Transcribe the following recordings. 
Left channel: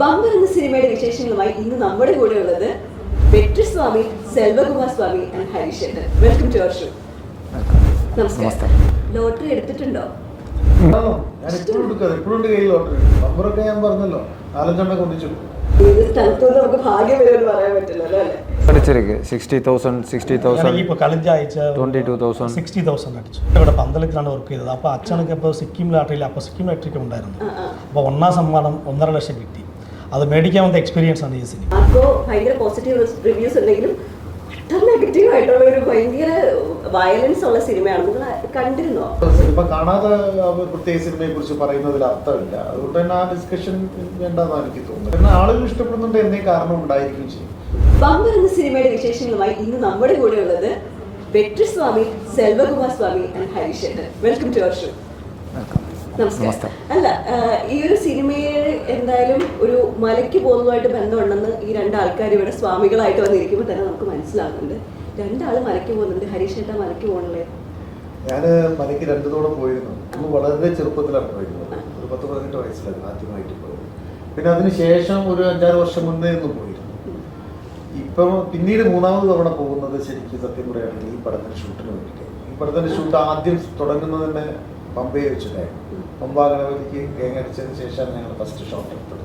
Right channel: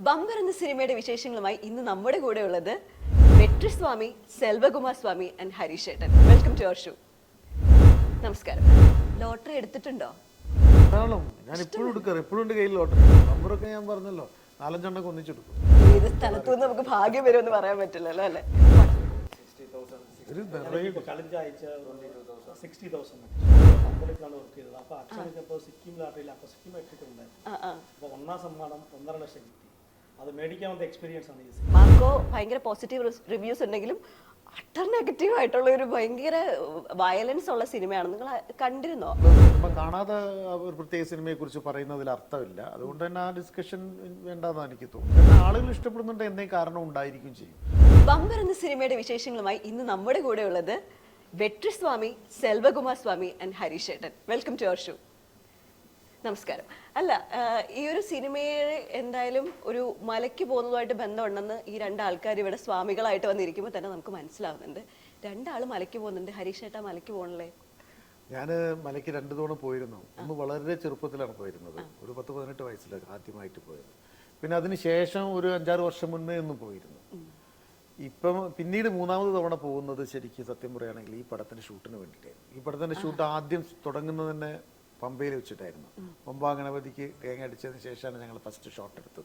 Bumper എന്ന സിനിമയുടെ വിശേഷങ്ങളുമായി ഇന്ന് നമ്മുടെ കൂടെ ഉള്ളത് Vetriswamy Selvakumar Swamy and Harish welcome to show നമസ്കാരം. ലോട്ടറി എടുത്തിട്ടുണ്ടോ? പന്തളത്തിലാണ് വർക്ക് ചെയ്തത്. അപ്പൊ അച്ഛനൊക്കെ സിക്കിം ലാട്ടറിയിൽ അപ്പൊ സിക്കിം ലാട്ടറിക്ക് ഉണ്ടായിരുന്നു. അപ്പൊ ഒന്നാം സമ്മാനം ഒന്നര ലക്ഷം കിട്ടി. അത് മേടിക്കാൻ വന്ന എക്സ്പീരിയൻസ് ആണ് ഈ സിനിമ പോസിറ്റീവ് റിവ്യൂസ് ഉണ്ടെങ്കിലും നെഗറ്റീവ് ആയിട്ടുള്ള ഒരു ഭയങ്കര വയലൻസ് ഉള്ള സിനിമയാണ് നിങ്ങൾ കണ്ടിരുന്നോ സിനിമ കാണാതെ പ്രത്യേക സിനിമയെ കുറിച്ച് പറയുന്നതിൽ അർത്ഥമില്ല. അതുകൊണ്ട് തന്നെ ആ ഡിസ്കഷൻ വേണ്ടെന്നാണ് എനിക്ക് തോന്നുന്നത്. എന്നാൽ ആളുകൾ ഇഷ്ടപ്പെടുന്നുണ്ട് എന്നേ കാരണം ഉണ്ടായിരിക്കും ചെയ്യും. ബമ്പർ എന്ന സിനിമയുടെ വിശേഷങ്ങളുമായി ഇന്ന് നമ്മുടെ കൂടെ ഉള്ളത് Vetriswamy Selvakumar Swamy and Harishekharan. Welcome to our show നമസ്കാരം. അല്ല ഈ ഒരു സിനിമയെ എന്തായാലും ഒരു മലയ്ക്ക് പോകുന്നതുമായിട്ട് ബന്ധമുണ്ടെന്ന് ഈ രണ്ട് ആൾക്കാർ ഇവിടെ സ്വാമികളായിട്ട് വന്നിരിക്കുമ്പോൾ തന്നെ നമുക്ക് മനസ്സിലാകുന്നുണ്ട്. രണ്ടാൾ മലയ്ക്ക് പോകുന്നുണ്ട്. ഹരീഷേട്ട മലയ്ക്ക് പോകണല്ലേ ഞാൻ മലയ്ക്ക് രണ്ടു തവണ പോയിരുന്നു. വളരെ ചെറുപ്പത്തിലാണ് പോയിരുന്നത്. ഒരു പത്ത് പതിനെട്ട് വയസ്സിലാണ് ആദ്യമായിട്ട് പോയത്. പിന്നെ അതിനുശേഷം ഒരു അഞ്ചാറ് വർഷം മുന്നേ ഒന്നും പോയിരുന്നു. ഇപ്പം പിന്നീട് മൂന്നാമത് തവണ പോകുന്നത് ശരിക്കും സത്യം പറയുകയാണെങ്കിൽ ഈ പഠന ഷൂട്ടിന് വേണ്ടിയിട്ട്. ഈ പടത്തിന്റെ ഷൂട്ട് ആദ്യം തുടങ്ങുന്നത് തന്നെ പമ്പയെ വെച്ചിട്ടായിരുന്നു. പമ്പാഗവതിക്ക് കേങ്ങടിച്ചതിന് ശേഷം ഞങ്ങൾ ഫസ്റ്റ് ഷോട്ട് എടുത്തത്.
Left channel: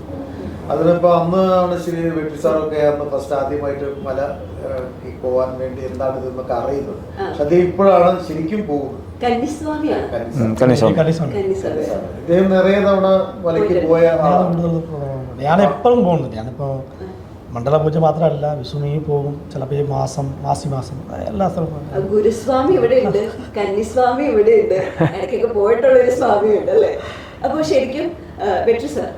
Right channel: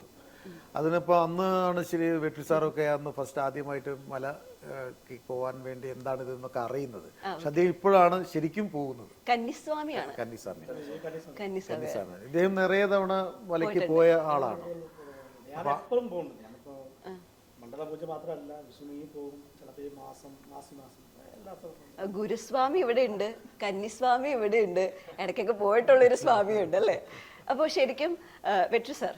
അതിലിപ്പോൾ അന്ന് ആണ് ശരി വീട്ടിൽ സാറൊക്കെ അന്ന് ഫസ്റ്റ് ആദ്യമായിട്ട് മല പോകാൻ വേണ്ടി എന്താണ് ഇതെന്നൊക്കെ അറിയുന്നത്. പക്ഷെ ഇപ്പോഴാണ് ശരിക്കും പോകുന്നത്. ഇദ്ദേഹം നിറയെ തവണ മലയ്ക്ക് പോയ ആളാണ്. ഞാൻ എപ്പോഴും പോകുന്നു ഞാനിപ്പോ മണ്ഡല പൂജ മാത്രമല്ല വിഷുവിന് പോകും ചിലപ്പോൾ ഈ മാസം മാസി മാസം എല്ലാ സ്ഥലവും. ഗുരുസ്വാമി ഇവിടെയുണ്ട് കന്നിസ്വാമി ഇവിടെയുണ്ട് ഇടയ്ക്കൊക്കെ പോയിട്ടുള്ള ഒരു സ്വാമിയുണ്ട് അല്ലേ? അപ്പോൾ ശരിക്കും ബെറ്റർ സാർ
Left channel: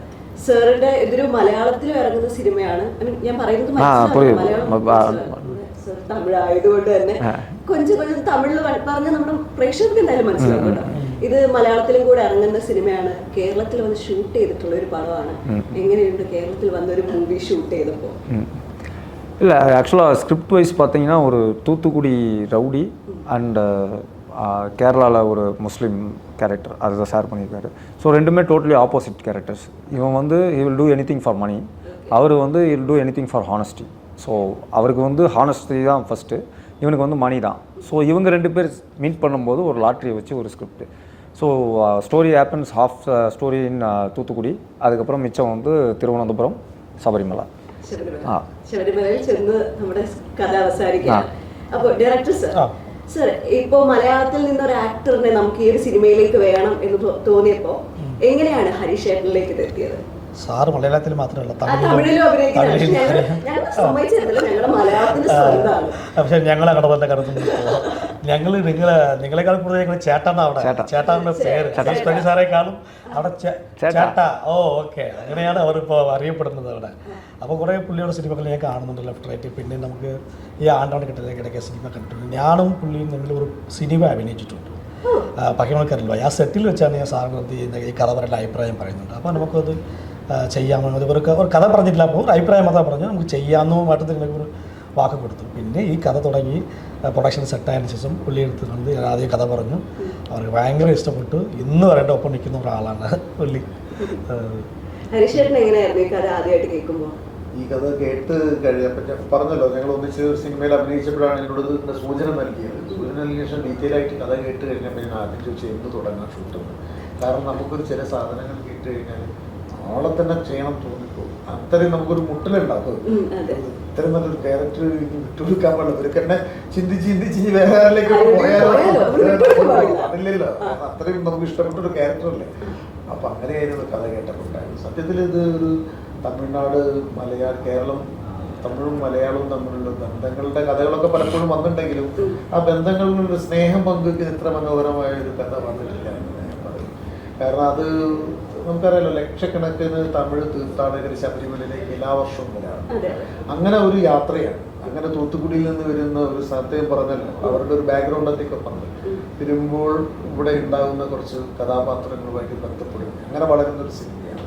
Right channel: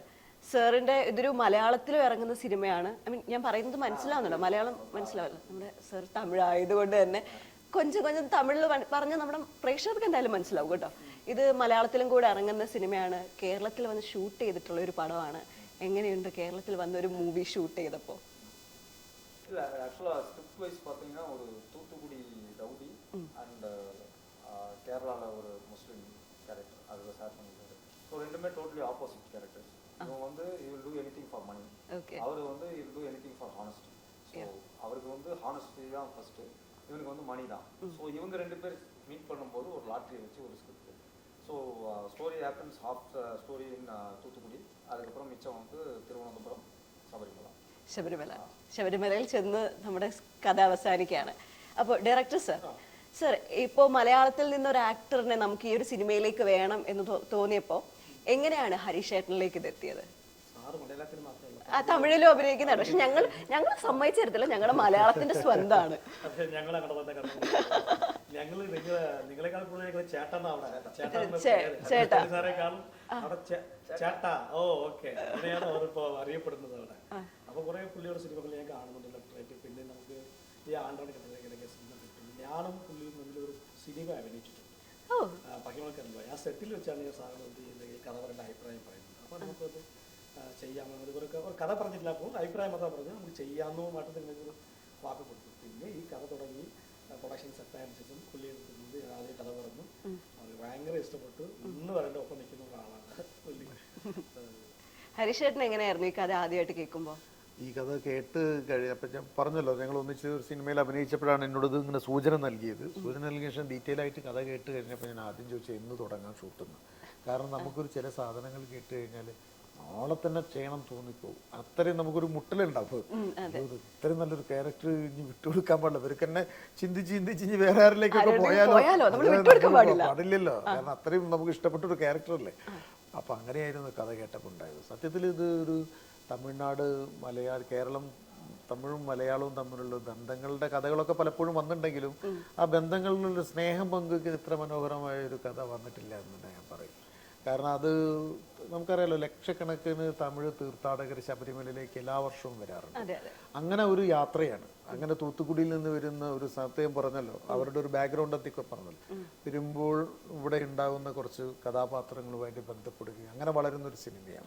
സാറുടെ ഇതൊരു മലയാളത്തിൽ ഇറങ്ങുന്ന സിനിമയാണ്. ഞാൻ പറയുന്നത് തമിഴ് തന്നെ. കൊഞ്ചം കൊഞ്ചം തമിഴിൽ പറഞ്ഞ് നമ്മൾ പ്രേക്ഷകർക്ക് എന്തായാലും മനസ്സിലാവും കേട്ടോ. ഇത് മലയാളത്തിലും കൂടെ ഇറങ്ങുന്ന സിനിമയാണ് കേരളത്തിൽ വന്ന് ഷൂട്ട് ചെയ്തിട്ടുള്ള ഒരു പടമാണ് എങ്ങനെയുണ്ട് കേരളത്തിൽ വന്നൊരു മൂവി ഷൂട്ട് ചെയ്തപ്പോ இல்லை ஆக்சுவலாக ஸ்கிரிப்ட் வைஸ் பார்த்தீங்கன்னா ஒரு தூத்துக்குடி ரவுடி அண்ட் கேரளாவில் ஒரு முஸ்லீம் கேரக்டர் அதை ஷேர் பண்ணியிருக்காரு ஸோ ரெண்டுமே டோட்டலி ஆப்போசிட் கேரக்டர்ஸ் இவன் வந்து he will do anything for money அவர் வந்து he will do anything for honesty so அவருக்கு வந்து ஹானஸ்டி தான் ஃபஸ்ட்டு இவனுக்கு வந்து மணி தான் ஸோ இவங்க ரெண்டு பேர் மீட் பண்ணும்போது ஒரு லாட்ரியை வச்சு ஒரு script So story happens half story in Thoothukudi அதுக்கப்புறம் மிச்சம் வந்து திருவனந்தபுரம் சபரிமலை ശബരിമല ആ. ശബരിമലയിൽ ചെന്ന് നമ്മുടെ കഥ അവസാനിക്കുകയാണ് അപ്പൊ ഡയറക്ടർ സർ ആ. സർ ഇപ്പോ മലയാളത്തിൽ നിന്ന് ഒരു ആക്ടറിനെ നമുക്ക് ഈ ഒരു സിനിമയിലേക്ക് വേണം എന്ന് തോ- തോന്നിയപ്പോ എങ്ങനെയാണ് ഹരീഷേട്ടനിലേക്ക് ഇത് എത്തിയത് സാറ് മലയാളത്തിൽ മാത്രമല്ല തമിഴിലും. പക്ഷെ ഞങ്ങളെ ഞങ്ങളെ കടന്നെ ഞങ്ങൾ നിങ്ങളെ നിങ്ങളെക്കാൾ കൂടുതൽ ഞങ്ങൾ ചേട്ടാണ് അവിടെ. ചേട്ടാ. ചേട്ടാന്റെ പേര്. സാറേ സാറേക്കാളും അവിടെ ചേട്ടാ. ചേട്ടാ. Oh okay. അങ്ങനെയാണ് അവരിപ്പോൾ അറിയപ്പെടുന്നത് അവിടെ. അപ്പോൾ കുറേ പുള്ളിയുടെ സിനിമകൾ ഞാൻ കാണുന്നുണ്ട് ലെഫ്റ്റ് റൈറ്റ്. പിന്നെ നമുക്ക് ഈ ആണ്ടാണ് കിട്ടുന്ന ഇടയ്ക്ക് സിനിമ കണ്ടിട്ടുണ്ട് ഞാനും പുള്ളിയും തമ്മിൽ ഒരു സിനിമ അഭിനയിച്ചിട്ടുണ്ട്. പഹിമൾക്കറിയില്ല ആ സെറ്റിൽ വെച്ചാണ് ഞാൻ സാറിന് എന്ത് ചെയ്യുന്നത് ഈ കഥ പറയുന്ന അഭിപ്രായം പറയുന്നുണ്ട് അപ്പോൾ നമുക്കത് അത് ഇവർക്ക് ഒരു കഥ പറഞ്ഞിട്ടില്ല. അപ്പോൾ ഒരു അഭിപ്രായം മാത്രം പറഞ്ഞു. നമുക്ക് ചെയ്യാമെന്നോ മറ്റത്തിൽ ഒരു വാക്ക് കൊടുത്തു. പിന്നെ ഈ കഥ തുടങ്ങി പ്രൊഡക്ഷൻ സെറ്റായതിനു ശേഷം പുള്ളി എടുത്തിട്ടുണ്ട് ഞാൻ ആദ്യം കഥ പറഞ്ഞു. അവർക്ക് ഭയങ്കര ഇഷ്ടപ്പെട്ടു. ഇന്ന് വരേണ്ട ഒപ്പം നിൽക്കുന്ന ഒരാളാണ് പുള്ളി. ഈ കഥ ആദ്യമായിട്ട് ഈ കഥ കേട്ട് കഴിയാൻ പറഞ്ഞല്ലോ ഞങ്ങൾ ഒന്നിച്ച് സിനിമയിൽ അഭിനയിച്ചപ്പോഴാണ് എന്നോട് സൂചന നൽകിയത്. സൂചന നൽകിയ ശേഷം ഡീറ്റെയിൽ ആയിട്ട് കഥ കേട്ട് കഴിഞ്ഞപ്പോൾ ഞാൻ ആദ്യം ചോദിച്ചു എന്ത് തുടങ്ങാൻ ഷൂട്ട് കാരണം നമുക്കൊരു ചില സാധനങ്ങൾ കേട്ട് കഴിഞ്ഞാൽ ആളെ തന്നെ ചെയ്യണം തോന്നിപ്പോകും അത്രയും നമുക്കൊരു മുട്ടലുണ്ടാക്കും. ഇത്രയും നല്ലൊരു ക്യാരക്ടർ ഇവർക്ക് തന്നെ ചിന്തിച്ച് ചിന്തിച്ച് വേറെ ആരിലേക്ക് അത്രയും നമുക്ക് ഇഷ്ടപ്പെട്ട ഒരു ക്യാരക്ടറല്ലേ അപ്പൊ അങ്ങനെയായിരുന്നു കഥ കേട്ടിട്ടുണ്ടായിരുന്നു സത്യത്തിൽ ഇത് ഒരു തമിഴ്നാട് മലയാള കേരളം തമിഴും മലയാളവും തമ്മിലുള്ള ബന്ധങ്ങളുടെ കഥകളൊക്കെ പലപ്പോഴും വന്നിട്ടുണ്ടെങ്കിലും ആ ബന്ധങ്ങളിലുള്ള സ്നേഹം പങ്കുവെക്കുന്ന ഇത്ര മനോഹരമായ ഒരു കഥ വന്നിട്ടില്ല കാരണം അത് നമുക്കറിയാലോ ലക്ഷക്കണക്കിന് തമിഴ് തീർത്ഥാടകർ ശബരിമലയിലേക്ക് എല്ലാ വർഷവും വരാറ് അങ്ങനെ ഒരു യാത്രയാണ്. അങ്ങനെ തൂത്തുക്കുടിയിൽ നിന്ന് വരുന്ന ഒരു സ്ഥലത്തെ പറഞ്ഞല്ലോ അവരുടെ ഒരു ബാക്ക്ഗ്രൗണ്ട് ഒക്കെ പറഞ്ഞു. തിരുമ്പോൾ ഇവിടെ ഉണ്ടാകുന്ന കുറച്ച് കഥാപാത്രങ്ങളുമായിട്ട് ബന്ധപ്പെടും അങ്ങനെ വളരുന്ന ഒരു സിനിമയാണ്.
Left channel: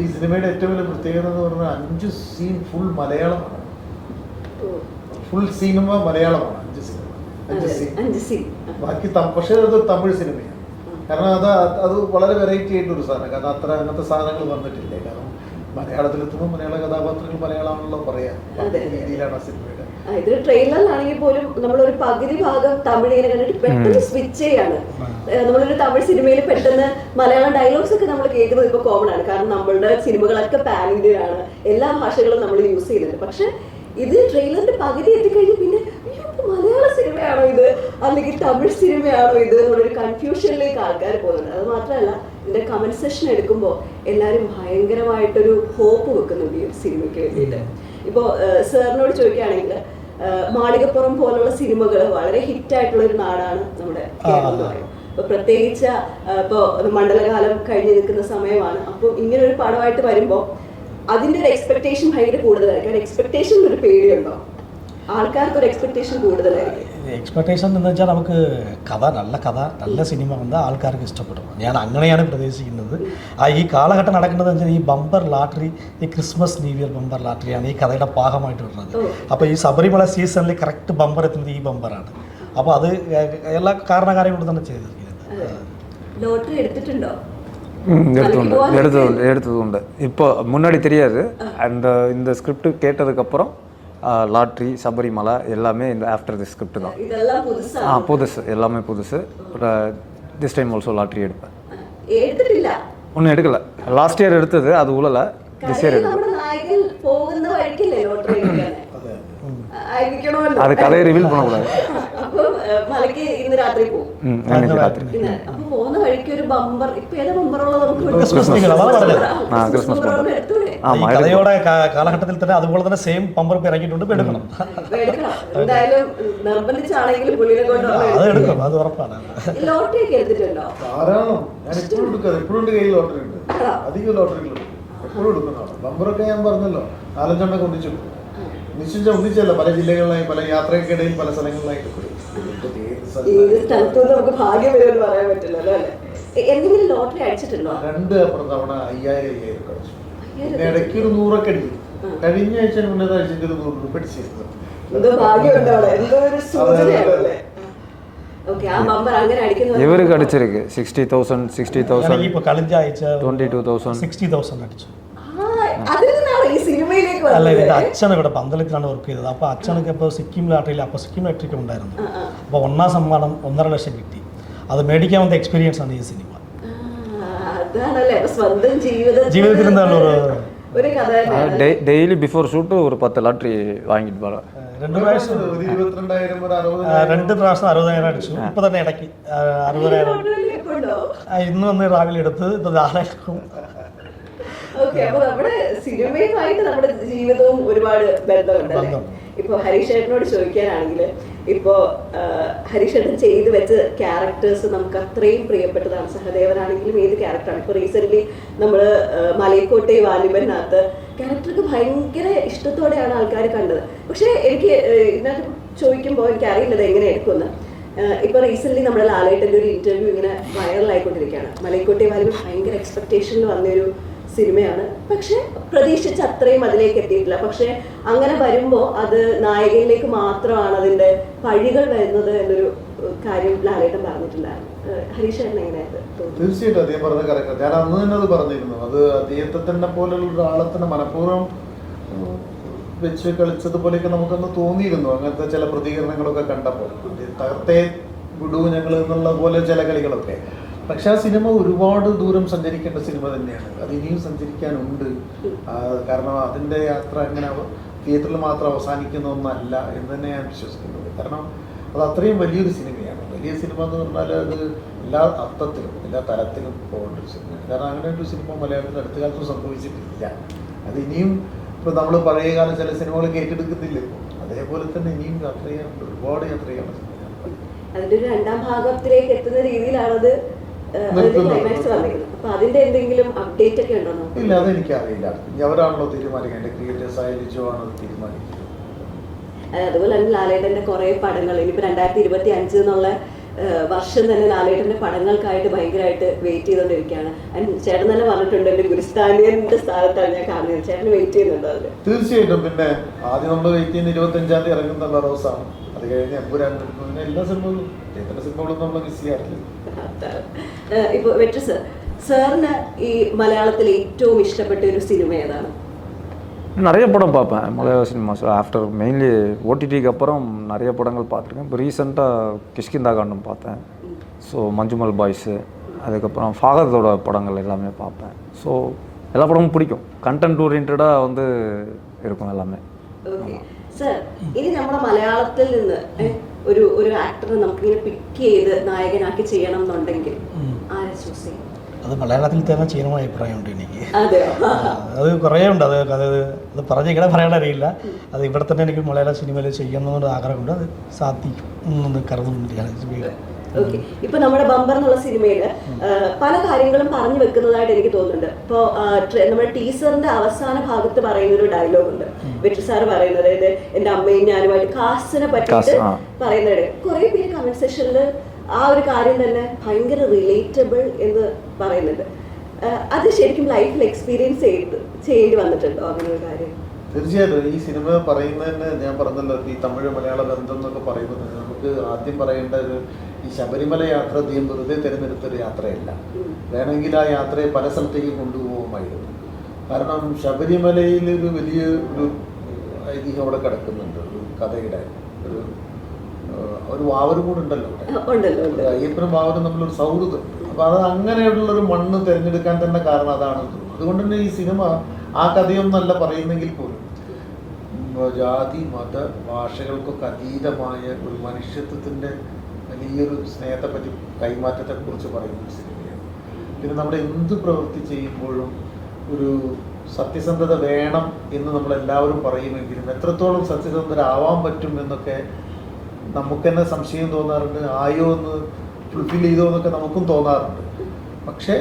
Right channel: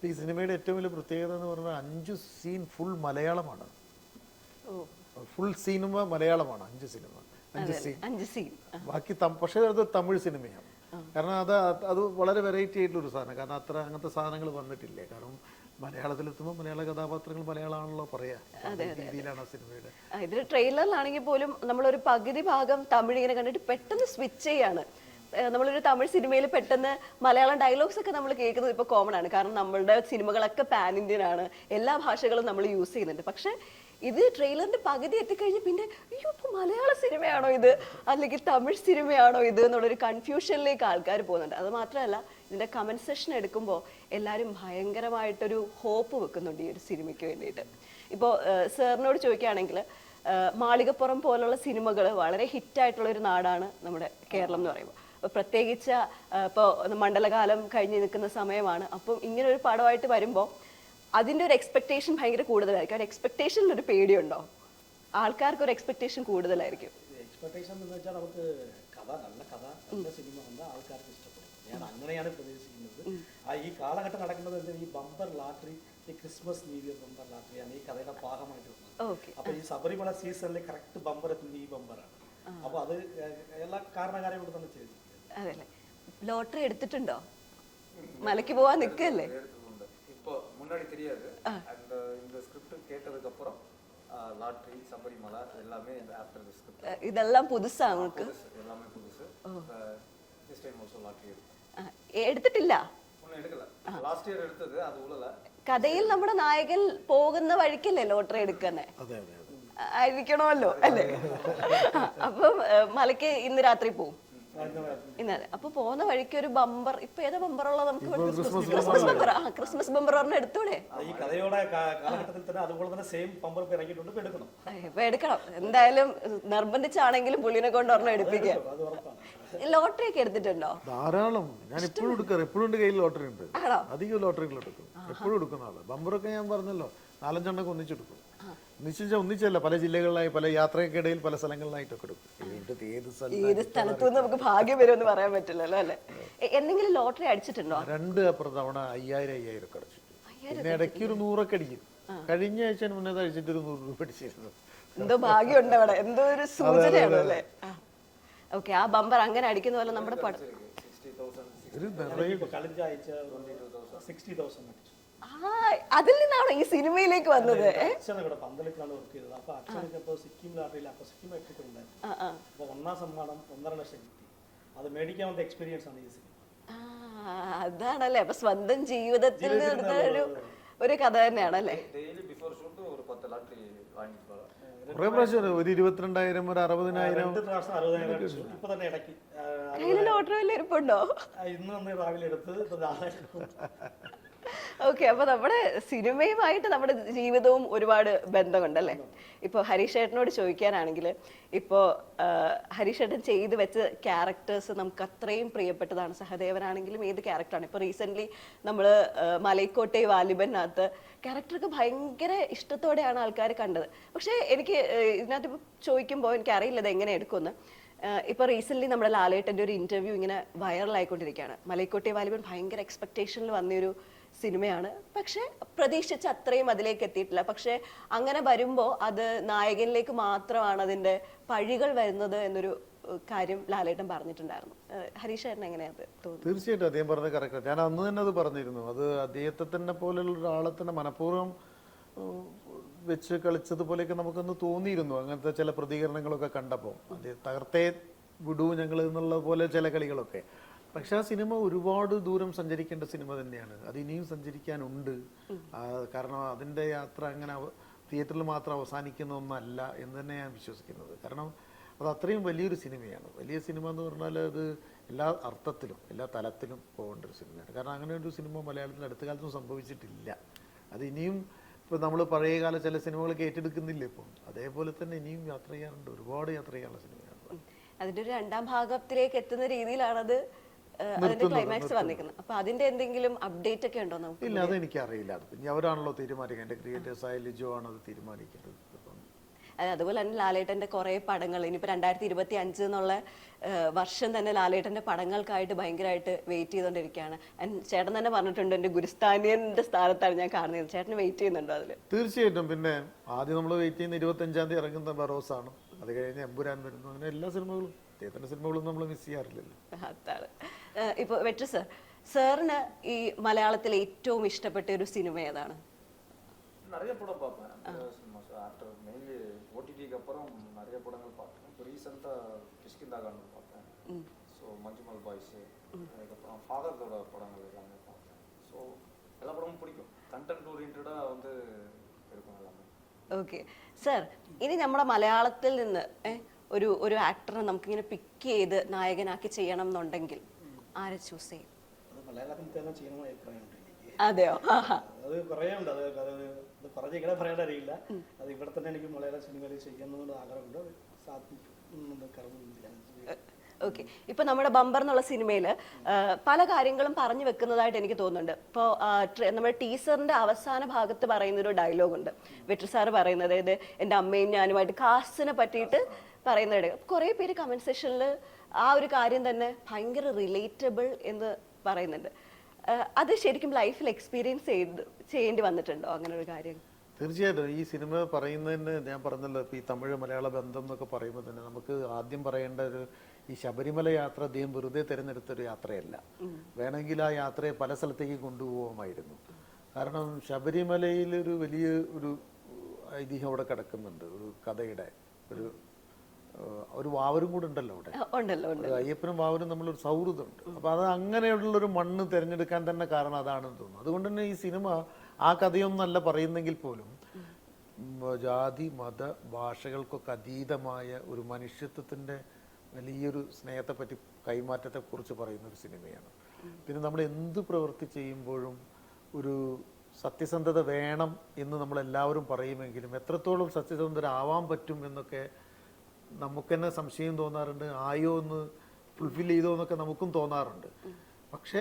ഈ സിനിമയുടെ ഏറ്റവും വലിയ പ്രത്യേകത എന്ന് പറഞ്ഞാൽ അഞ്ച് സീൻ ഫുൾ മലയാളമാണ്. ഫുൾ സിനിമ മലയാളമാണ് അഞ്ച് സിനിമ അഞ്ച് സീൻ ബാക്കി പക്ഷേ അത് തമിഴ് സിനിമയാണ് കാരണം അത് അത് വളരെ വെറൈറ്റി ആയിട്ടുള്ള ഒരു സാധനം. കാരണം അത്ര അങ്ങനത്തെ സാധനങ്ങൾ വന്നിട്ടില്ല? കാരണം മലയാളത്തിലെത്തുമ്പോൾ മലയാള കഥാപാത്രങ്ങൾ മലയാളമാണല്ലോ പറയാം. രീതിയിലാണ് ആ സിനിമയുടെ. ഇത് ട്രെയിലറിലാണെങ്കിൽ പോലും നമ്മളൊരു പകുതി ഭാഗം പെട്ടെന്ന് സ്വിച്ച് ചെയ്യാണ്. നമ്മളൊരു തമിഴ് സിനിമയിൽ പെട്ടെന്ന് മലയാളം ഡയലോഗ്സ് ഒക്കെ നമ്മൾ കേൾക്കുന്നത് ഇപ്പൊ കോമൺ ആണ്. കാരണം നമ്മളുടെ സിനിമകളൊക്കെ പാൻ എല്ലാ ഭാഷകളും നമ്മൾ യൂസ് ചെയ്യുന്നുണ്ട്. പക്ഷെ ഇത് ട്രെയിലറിന്റെ പകുതി എത്തിക്കഴിഞ്ഞ് സിനിമയാണോ ഇത്? അല്ലെങ്കിൽ തമിഴ് സിനിമയാണോ ഇത് എന്നുള്ളൊരു കൺഫ്യൂഷനിലേക്ക് ആൾക്കാർ പോകുന്നത്. അത് മാത്രമല്ല ഇതിന്റെ കമന്റ് സെഷൻ എടുക്കുമ്പോൾ എല്ലാവരും ഭയങ്കരമായിട്ടൊരു ഹോപ്പ് വെക്കുന്നുണ്ട് ഈ സിനിമയ്ക്ക് വേണ്ടിയിട്ട്. ഇപ്പോ സാറിനോട് ചോദിക്കുകയാണെങ്കിൽ മാളികപ്പുറം പോലുള്ള സിനിമകൾ വളരെ ഹിറ്റ് ആയിട്ടുള്ള ഒരു നാടാണ് നമ്മുടെ കേരളം എന്ന് പറയും. പ്രത്യേകിച്ച് ഇപ്പോ മണ്ഡലകാലം കഴിഞ്ഞ് നിൽക്കുന്ന സമയമാണ്. അപ്പോൾ ഇങ്ങനെ ഒരു പടമായിട്ട് വരുമ്പോ അതിന്റെ ഒരു എക്സ്പെക്ടേഷൻ ഭയങ്കര കൂടുതലായിരിക്കും. എക്സ്പെക്ടേഷൻ ഒരു പേടിയുണ്ടോ? ആൾക്കാർക്ക് ഒരു എക്സ്പെക്ടേഷൻ കൂടുതലായിരിക്കും. എക്സ്പെക്ടേഷൻ എന്ന് വെച്ചാൽ നമുക്ക് കഥ നല്ല കഥ നല്ല സിനിമ വന്നാൽ ആൾക്കാർക്ക് ഇഷ്ടപ്പെടും ഞാൻ അങ്ങനെയാണ് പ്രതീക്ഷിക്കുന്നത് ആ ഈ കാലഘട്ടം നടക്കുന്നത് വെച്ചാൽ ഈ ബമ്പർ ലാട്ടറി ഈ ക്രിസ്മസ് ന്യൂ ഇയർ ബമ്പർ ലാട്ടറിയാണ് ഈ കഥയുടെ ഭാഗമായിട്ട് വരുന്നത് അപ്പോൾ ഈ ശബരിമല സീസണിൽ കറക്റ്റ് ബമ്പർ എത്തുന്നത് ഈ ബമ്പറാണ് അപ്പോൾ അത് എല്ലാ കാരണകാര്യങ്ങളും തന്നെ ചെയ്തിരിക്കുന്നത് ലോട്ടറി എടുത്തിട്ടുണ്ടോ ம், எடுத்ததுண்டு எடுத்தது எடுத்ததுண்டு இப்போ முன்னாடி தெரியாது அண்ட் இந்த ஸ்கிரிப்ட் கேட்டதுக்கப்புறம் லாட்ரி சபரிமலை எல்லாமே இந்த ஆஃப்டர் தி ஸ்கிரிப்ட் தான் ഇതെല്ലാം ஆ പുതുസാണ് புதுசு எல்லாமே புதுசு திஸ் டைம் ஆல்சோ லாட்ரி எடுப்பேன் എടുത്തിട്ടില്ല ஒன்றும் எடுக்கல லாஸ்ட் இயர் எடுத்தது அது உழலை திஸ் இயர் കഥയിൽ നമ്മുടെ നായകൻ പോകുന്ന വഴിക്കല്ലേ ലോട്ടറി എടുക്കാനെ ആയിരിക്കണമല്ലോ. அது கதையை ரிவீல் பண்ணக்கூடாது അപ്പം ഏഹ്, മാലിക്ക് ഇന്ന് രാത്രി പോകും ம் இன்னைக்கு ராத்திரி ഇന്ന് അപ്പൊ പോകുന്ന വഴിക്ക് ഒരു ബമ്പർ ഇപ്പൊ ഏത് ബമ്പറുള്ള നമുക്ക് ഒരു ക്രിസ്മസ് നിങ്ങൾ അതാണ് പറഞ്ഞത് ആ, ക്രിസ്മസ് ബമ്പർ എടുത്തൂടെ ഈ ஆமாம் കഥയുടെ കാ- കാലഘട്ടത്തിൽ തന്നെ അതുപോലെ തന്നെ സെയിം പമ്പർ ഇപ്പൊ ഇറങ്ങിയിട്ടുണ്ട് ഇപ്പൊ എടുക്കണം ഇപ്പൊ എടുക്കണം എന്തായാലും നിർബന്ധിച്ചാണെങ്കിൽ പുള്ളിനെ അത് കൊണ്ടുപോയി എടുക്കണം അത് ഉറപ്പാണ് ലോട്ടറി ഒക്കെ എടുത്തിട്ടുണ്ടോ ധാരാളം ഞാൻ എപ്പോഴും എടുക്കാറ് എപ്പോഴും എൻ്റെ കയ്യിൽ ലോട്ടറി ഉണ്ട് അധികം ലോട്ടറികൾ എപ്പോഴും എടുക്കുന്നതാണ് നമ്പറൊക്കെ ഞാൻ പറഞ്ഞല്ലോ നാലഞ്ചെണ്ണം ഒന്നിച്ചു നിശ്ചയിച്ച ഒന്നിച്ചല്ല പല ജില്ലകളിലായി പല യാത്രക്കിടയിൽ പല സ്ഥലങ്ങളിലായി. ഭാഗ്യം രണ്ട് ഒരു കഴിഞ്ഞ ആഴ്ച മുന്നേ അടിച്ചിട്ട് കടിച്ചിരിക്ക്. Sixty thousand sixty thousand twenty two thousand sixty thousand അല്ല വന്നത് എൻ്റെ അച്ഛൻ ഇവിടെ പന്തളത്തിലാണ് വർക്ക് ചെയ്തത് അപ്പോൾ അച്ഛനൊക്കെ ഇപ്പോൾ സിക്കിം ലാട്ടറിയിൽ അപ്പോൾ സിക്കിം ലാട്ടറിക്ക് ഉണ്ടായിരുന്നു അപ്പോൾ ഒന്നാം സമ്മാനം ഒന്നര ലക്ഷം കിട്ടി അത് മേടിക്കാൻ വന്ന എക്സ്പീരിയൻസ് ആണ് ഈ സിനിമ ആ, അതാണല്ലേ അപ്പൊ സ്വന്തം ജീവിതത്തിൽ ജീവിതത്തിൽ എന്താണ് ഒരു- ഒരു കഥ തന്നെയാണ് டெய்லி பிஃபோர் ஷூட்டு ஒரு பத்து லாட்ரி வாங்கிட்டு போகிறேன் രണ്ട് പ്രാവശ്യം ഒരു ഇരുപത്തിരണ്ടായിരം ഒരു ആ, അറുപതിനായിരം രണ്ട് പ്രാവശ്യം അറുപതായിരം അടിച്ചു ഇപ്പൊ തന്നെ ഇടയ്ക്ക് ആ, അറുപതായിരം ലോട്ടറിയിൽ ഇരിപ്പുണ്ടോ ആ, ഇന്ന് വന്ന് രാവിലെ എടുത്ത് ഇത് നാളെ ഓക്കെ അപ്പൊ നമ്മുടെ സിനിമയുമായിട്ട് നമ്മുടെ ജീവിതവും ഒരുപാട് ബന്ധമുണ്ട് അല്ലേ? ഇപ്പൊ ഹരീഷേട്ടനോട് ചോദിക്കാനാണെങ്കിൽ ഇപ്പോ ഹരീഷേട്ടൻ ചെയ്തു വെച്ച ക്യാരക്ടേഴ്സ് നമുക്ക് അത്രയും പ്രിയപ്പെട്ടതാണ് സഹദേവനാണെങ്കിലും ഏത് ക്യാരക്ടറാണ്? ഇപ്പൊ റീസെന്റ് നമ്മൾ മലയക്കോട്ടെ വാലിബനകത്ത് ക്യാരക്ടർക്ക് ഭയങ്കര ഇഷ്ടത്തോടെയാണ് ആൾക്കാരെ കണ്ടത്. പക്ഷെ എനിക്ക് ഇതിനകത്ത് ചോദിക്കുമ്പോൾ എനിക്ക് അറിയില്ല എങ്ങനെയായിരിക്കും ഇപ്പൊ റീസെന്റ് നമ്മുടെ ലാലേട്ടന്റെ ഒരു ഇന്റർവ്യൂ ഇങ്ങനെ വൈറലായിക്കൊണ്ടിരിക്കുകയാണ് മലയക്കോട്ടെ വാലിബൻ ഭയങ്കര എക്സ്പെക്ടേഷൻ വന്നൊരു സിനിമയാണ്. പക്ഷെ പ്രതീക്ഷിച്ച അത്രയും അതിലേക്ക് എത്തിയിട്ടില്ല. പക്ഷെ അങ്ങനെ വരുമ്പോ അത് നായികയിലേക്ക് മാത്രമാണ് അതിന്റെ പഴികൾ വരുന്നത് എന്നൊരു കാര്യം ലാലേട്ടൻ പറഞ്ഞിട്ടുണ്ടായിരുന്നു തീർച്ചയായിട്ടും അദ്ദേഹം പറഞ്ഞ കറക്റ്റ് ഞാൻ അന്ന് തന്നെ അത് പറഞ്ഞിരുന്നു. അത് അദ്ദേഹത്തെ തന്നെ പോലെയുള്ള ഒരാളെ തന്നെ മനഃപൂർവം വെച്ച് കളിച്ചതുപോലെയൊക്കെ നമുക്കൊന്ന് തോന്നിയിരുന്നു. അങ്ങനത്തെ ചില പ്രതികരണങ്ങളൊക്കെ കണ്ടപ്പോൾ. തകർത്തേ വിടൂ ഞങ്ങൾ എന്നുള്ള പോലെ ചില കളികളൊക്കെ. പക്ഷെ ആ സിനിമ ഒരുപാട് ദൂരം സഞ്ചരിക്കേണ്ട സിനിമ തന്നെയാണ്. അത് ഇനിയും സഞ്ചരിക്കാനുണ്ട്. കാരണം അതിന്റെ യാത്ര അങ്ങനെ തിയേറ്ററിൽ മാത്രം അവസാനിക്കുന്ന ഒന്നല്ല എന്ന് തന്നെ ഞാൻ വിശ്വസിക്കുന്നത് കാരണം അത് അത്രയും വലിയൊരു സിനിമയാണ്. വലിയ സിനിമ എന്ന് പറഞ്ഞാൽ അത് എല്ലാ അർത്ഥത്തിലും എല്ലാ തലത്തിലും പോകേണ്ട ഒരു സിനിമ കാരണം അങ്ങനെ ഒരു സിനിമ മലയാളത്തിൽ അടുത്ത കാലത്ത് സംഭവിച്ചിട്ടില്ല. അത് ഇനിയും ഇപ്പോൾ നമ്മൾ പഴയ കാലം ചില സിനിമകൾ ഏറ്റെടുക്കുന്നില്ല? അതേപോലെ തന്നെ ഇനിയും യാത്ര ചെയ്യാനുണ്ട്. ഒരുപാട് യാത്ര ചെയ്യാനുണ്ട് അതിന്റെ രണ്ടാം ഭാഗത്തിലേക്ക് എത്തുന്ന രീതിയിലാണത് ഇല്ല അതെനിക്കറിയില്ല. അവരാണല്ലോ തീരുമാനിക്കേണ്ടത്. ക്രിയേറ്റേഴ്സ് ആയ ലിജോ ആണ് തീരുമാനിക്കുന്നത്. ഏഹ് അതുപോലെ തന്നെ ലാലേട്ടന്റെ കുറെ പടങ്ങൾ. രണ്ടായിരത്തി ഇരുപത്തി അഞ്ച് എന്നുള്ള വർഷം തന്നെ ലാലേട്ടന്റെ പടങ്ങൾക്കായിട്ട് ഭയങ്കരമായിട്ട് വെയിറ്റ് ചെയ്തുകൊണ്ടിരിക്കുകയാണ് ചേട്ടൻ തന്നെ പറഞ്ഞിട്ടുണ്ട് ഒരു ഗുരുസ്ഥാനിയന്റെ സ്ഥാനത്താണ് ഞാൻ കാണുന്നത്. ചേട്ടൻ വെയിറ്റ് ചെയ്യുന്നുണ്ടോ തീർച്ചയായിട്ടും. പിന്നെ ആദ്യം നമ്മൾ വെയിറ്റ് ചെയ്യുന്ന ഇരുപത്തഞ്ചാം തീയതി ഇറങ്ങുന്ന അത് കഴിഞ്ഞ് എമ്പുരാൻ എല്ലാ സിനിമകളും സിനിമകളും നമ്മൾ മിസ് ചെയ്യാറില്ല? ഏഹ് ഇപ്പൊ വെട്രസ് സാറിന് ഈ മലയാളത്തിലെ ഏറ്റവും ഇഷ്ടപ്പെട്ട ഒരു സിനിമ ഏതാണ് நிறைய படம் பார்ப்பேன் மலையாள சினிமாஸ் ஆஃப்டர் மெயின்லி ஓடிடிக்கு அப்புறம் நிறைய படங்கள் பார்த்துருக்கேன் இப்போ ரீசெண்டாக கிஷ்கிந்தா காண்டம் பார்த்தேன் ஸோ மஞ்சுமல் பாய்ஸு அதுக்கப்புறம் ஃபாகத்தோட படங்கள் எல்லாமே பார்ப்பேன் ஸோ எல்லா படமும் பிடிக்கும் கண்டென்ட் ஓரியன்டாக வந்து இருக்கும் எல்லாமே ഓക്കെ സർ ഇനി നമ്മുടെ മലയാളത്തിൽ നിന്ന് ഏ, ഒരു ഒരു ആക്ടറെ നമുക്ക് ഇങ്ങനെ പിക്ക് ചെയ്ത് നായകനാക്കി ചെയ്യണം എന്നുണ്ടെങ്കിൽ ആരെ ചൂസ് ചെയ്യും അത് മലയാളത്തിൽ തന്നെ ചെയ്യണമെന്ന് അഭിപ്രായമുണ്ട് എനിക്ക്. അത് കുറേ ഉണ്ട്. അത് അത് അത് പറഞ്ഞ് ഇങ്ങനെ പറയാൻ അറിയില്ല. അത് ഇവിടെ തന്നെ എനിക്ക് മലയാള സിനിമയിൽ ചെയ്യണമെന്നൊരു ആഗ്രഹമുണ്ട്. അത് സാധിക്കും എന്ന് കരുതുന്നുണ്ട് ഓക്കെ ഇപ്പൊ നമ്മുടെ ബമ്പർ എന്നുള്ള സിനിമയിൽ പല കാര്യങ്ങളും പറഞ്ഞു വെക്കുന്നതായിട്ട് എനിക്ക് തോന്നുന്നുണ്ട്. ഇപ്പൊ നമ്മുടെ ടീച്ചറിന്റെ അവസാന ഭാഗത്ത് പറയുന്ന ഒരു ഡയലോഗ് ഉണ്ട്. വെട്ടി സാർ പറയുന്നത് അതായത് എന്റെ അമ്മയും ഞാനുമായിട്ട് കാസ്റ്റിനെ പറ്റിയിട്ട് പറയുന്നതാണ് പറയുന്നത് കുറെ പേര് കമന്റ് സെക്ഷനിൽ ആ ഒരു കാര്യം തന്നെ ഭയങ്കര റിലേറ്റബിൾ എന്ന് പറയുന്നുണ്ട്. അത് ശരിക്കും ലൈഫിൽ എക്സ്പീരിയൻസ് ചെയ്ത് ചെയ്ത് വന്നിട്ടുണ്ടോ അങ്ങനെ ഒരു കാര്യം? തീർച്ചയായിട്ടും. ഈ സിനിമ പറയുന്നതിന് ഞാൻ പറഞ്ഞല്ലോ ഈ തമിഴ് മലയാള ബന്ധം എന്നൊക്കെ പറയുന്നത് നമുക്ക് ആദ്യം പറയേണ്ട ഒരു ഈ ശബരിമല യാത്ര തീം വെറുതെ തിരഞ്ഞെടുത്തൊരു യാത്രയല്ല. വേണമെങ്കിൽ ആ യാത്രയെ പല സ്ഥലത്തേക്ക് കൊണ്ടുപോകുമായിരുന്നു കാരണം ശബരിമലയിൽ ഒരു വലിയ ഒരു ഐതിഹ്യം അവിടെ കിടക്കുന്നുണ്ട്. ഒരു കഥയുടെ ഒരു ഒരു വാവരും കൂടെ ഉണ്ടല്ലോ അയ്യപ്പനും വാവനും തമ്മിലൊരു സൗഹൃദം. അപ്പൊ അത് അങ്ങനെയുള്ള ഒരു മണ്ണ് തിരഞ്ഞെടുക്കാൻ തന്നെ കാരണം അതാണ്. അതുകൊണ്ട് തന്നെ ഈ സിനിമ ആ കഥയൊന്നല്ല പറയുന്നെങ്കിൽ പോലും ജാതി മത ഭാഷകൾക്കൊക്കെ അതീതമായ ഒരു മനുഷ്യത്വത്തിന്റെ വലിയൊരു സ്നേഹത്തെ പറ്റി കൈമാറ്റത്തെ കുറിച്ച് പറയുന്ന പിന്നെ നമ്മുടെ എന്ത് പ്രവൃത്തി ചെയ്യുമ്പോഴും ഒരു സത്യസന്ധത വേണം എന്ന് നമ്മൾ എല്ലാവരും പറയുമെങ്കിലും എത്രത്തോളം സത്യസന്ധരാവാൻ പറ്റും എന്നൊക്കെ നമുക്ക് തന്നെ സംശയം തോന്നാറുണ്ട് ആയോ എന്ന് ഫുൾഫിൽ ചെയ്തോ എന്നൊക്കെ നമുക്കും തോന്നാറുണ്ട്. പക്ഷേ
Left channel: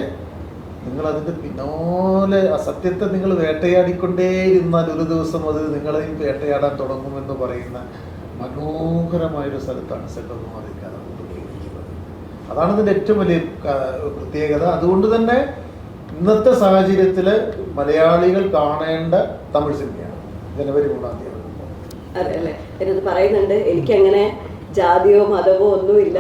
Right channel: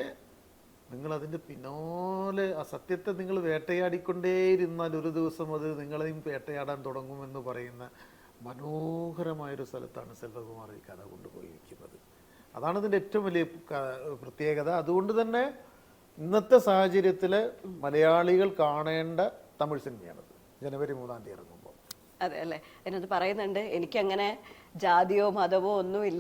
നിങ്ങൾ അതിന്റെ പിന്നാലെ ആ സത്യത്തെ നിങ്ങൾ വേട്ടയാടിക്കൊണ്ടേ ഇരുന്നാൽ ഒരു ദിവസം അത് നിങ്ങളെയും വേട്ടയാടാൻ തുടങ്ങുമെന്ന് പറയുന്ന മനോഹരമായൊരു സ്ഥലത്താണ് സെൽവകുമാറിക്കാർ അതാണ് ഇതിന്റെ ഏറ്റവും വലിയ പ്രത്യേകത. അതുകൊണ്ട് തന്നെ ഇന്നത്തെ സാഹചര്യത്തിൽ മലയാളികൾ കാണേണ്ട തമിഴ് സിനിമയാണ്. ജനുവരി മൂന്നാം തീയതി. പറയുന്നുണ്ട്. എനിക്ക് അങ്ങനെ ജാതിയോ മതമോ ഒന്നുമില്ല.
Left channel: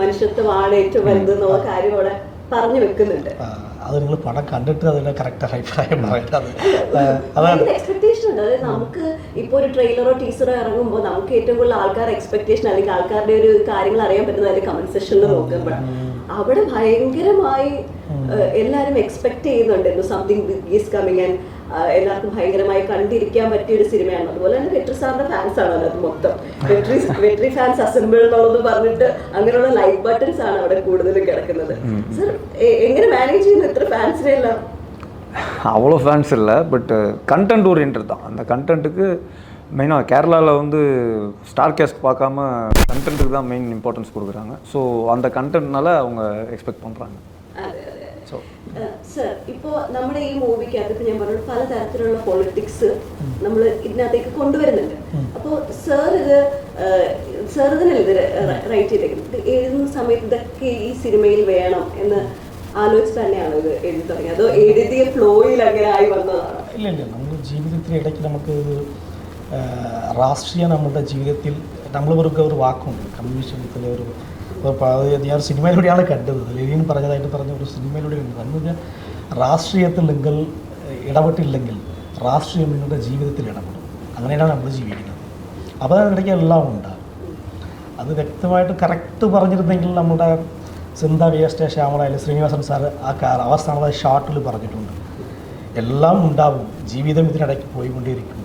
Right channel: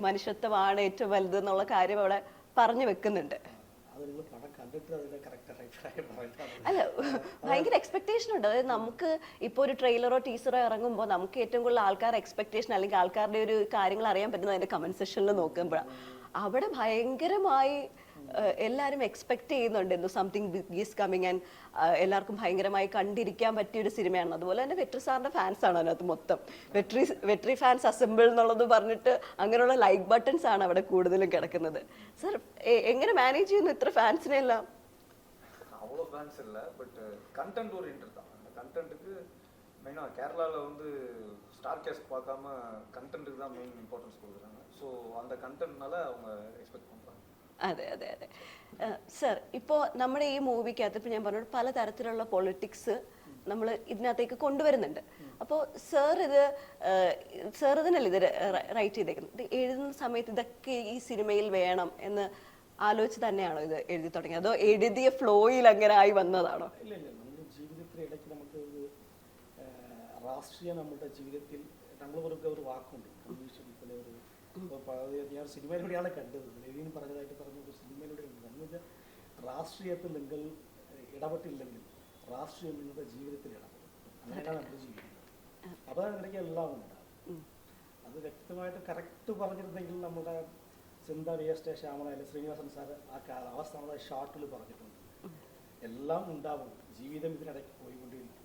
മനുഷ്യത്വമാണ് ഏറ്റവും വലുതെന്നുള്ള കാര്യം അവിടെ പറഞ്ഞു വെക്കുന്നുണ്ട്. അത് നിങ്ങൾ പടം കണ്ടിട്ട് അതിന്റെ കറക്റ്റ് അഭിപ്രായം പറയേണ്ടത് അതാണ്. എക്സ്പെക്ടേഷൻ നമുക്ക് ഇപ്പോൾ ഒരു ട്രെയിലറോ ടീച്ചറോ ഇറങ്ങുമ്പോൾ നമുക്ക് ഏറ്റവും കൂടുതൽ ആൾക്കാരുടെ എക്സ്പെക്ടേഷൻ അല്ലെങ്കിൽ ആൾക്കാരുടെ ഒരു കാര്യങ്ങൾ അറിയാൻ പറ്റുന്നത് കമന്റ് സെക്ഷനിൽ നോക്കുമ്പോഴാണ് അവിടെ ഭയങ്കരമായി എല്ലാരും എല്ലാവരും എക്സ്പെക്ട് ചെയ്യുന്നുണ്ടായിരുന്നു സംതിങ് ഈസ് കമ്മിങ് ആൻഡ് എല്ലാവർക്കും ഭയങ്കരമായി കണ്ടിരിക്കാൻ പറ്റിയ ഒരു സിനിമയാണ് അതുപോലെ തന്നെ വെട്രി സാറിന്റെ ഫാൻസ് ആണ് അത് മൊത്തം വെട്രി വെട്രി ഫാൻസ് അസംബിൾ എന്നുള്ളത് പറഞ്ഞിട്ട് അങ്ങനെയുള്ള ലൈക്ക് ബട്ടൺസ് ആണ് അവിടെ കൂടുതൽ കിടക്കുന്നത് സർ എങ്ങനെ മാനേജ് ചെയ്യുന്നു ഇത്ര ഫാൻസിനെ എല്ലാം அவ்வளோ ஃபேன்ஸ் இல்லை பட்டு கண்டென்ட் ஓரியன்ட் தான் அந்த கண்டென்ட்டுக்கு மெயினாக கேரளாவில் வந்து ஸ்டார் கேஸ்ட் பார்க்காம கண்டென்ட்டுக்கு தான் மெயின் இம்பார்ட்டன்ஸ் கொடுக்குறாங்க ஸோ அந்த கண்டென்ட்னால அவங்க எக்ஸ்பெக்ட் பண்ணுறாங்க അതെ അതെ അതെ സർ ഇപ്പോ നമ്മുടെ ഈ മൂവിക്കകത്ത് ഞാൻ പറഞ്ഞു പലതരത്തിലുള്ള പൊളിറ്റിക്സ് നമ്മൾ ഇതിനകത്തേക്ക് കൊണ്ടുവരുന്നുണ്ട്. അപ്പോൾ സർ ഇത് സർ ഇതിനല്ലേ റൈറ്റ് ചെയ്ത്? എഴുതുന്ന സമയത്ത് ഇതൊക്കെ ഈ സിനിമയിൽ വേണം എന്ന് ആലോചിച്ച് തന്നെയാണോ ഇത് എഴുതി ആയി വന്നതാണോ? ഇല്ല ഇല്ല. നമ്മുടെ ജീവിതത്തിൽ ഇടയ്ക്ക് നമുക്ക് രാഷ്ട്രീയ നമ്മുടെ ജീവിതത്തിൽ നമ്മൾ ഒരു വാക്കുണ്ട്. കമ്മ്യൂണിസ്റ്റ് ഒരു ഞാൻ ഒരു സിനിമയിലൂടെയാണ് കണ്ടത്. ലെനിൻ പറഞ്ഞതായിട്ട് പറഞ്ഞ ഒരു സിനിമയിലൂടെ കണ്ടത്. എന്ന് വെച്ചാൽ രാഷ്ട്രീയത്തിൽ നിങ്ങൾ ഇടപെട്ടില്ലെങ്കിൽ രാഷ്ട്രീയം നിങ്ങളുടെ ജീവിതത്തിൽ ഇടപെടും. അങ്ങനെയാണ് നമ്മൾ ജീവിക്കുന്നത്. അപ്പോൾ അതിനിടയ്ക്ക് എല്ലാം ഉണ്ട്. അത് വ്യക്തമായിട്ട് കറക്റ്റ് പറഞ്ഞിരുന്നെങ്കിൽ നമ്മുടെ സിന്ത വി എസ് ടെ ശ്യാമളായാലും ശ്രീനിവാസൻ സാർ ആ കാർ അവസാനത്തെ ഷാർട്ടിൽ പറഞ്ഞിട്ടുണ്ട്. എല്ലാം ഉണ്ടാവും. ജീവിതം ഇതിനിടയ്ക്ക് പോയിക്കൊണ്ടേയിരിക്കും?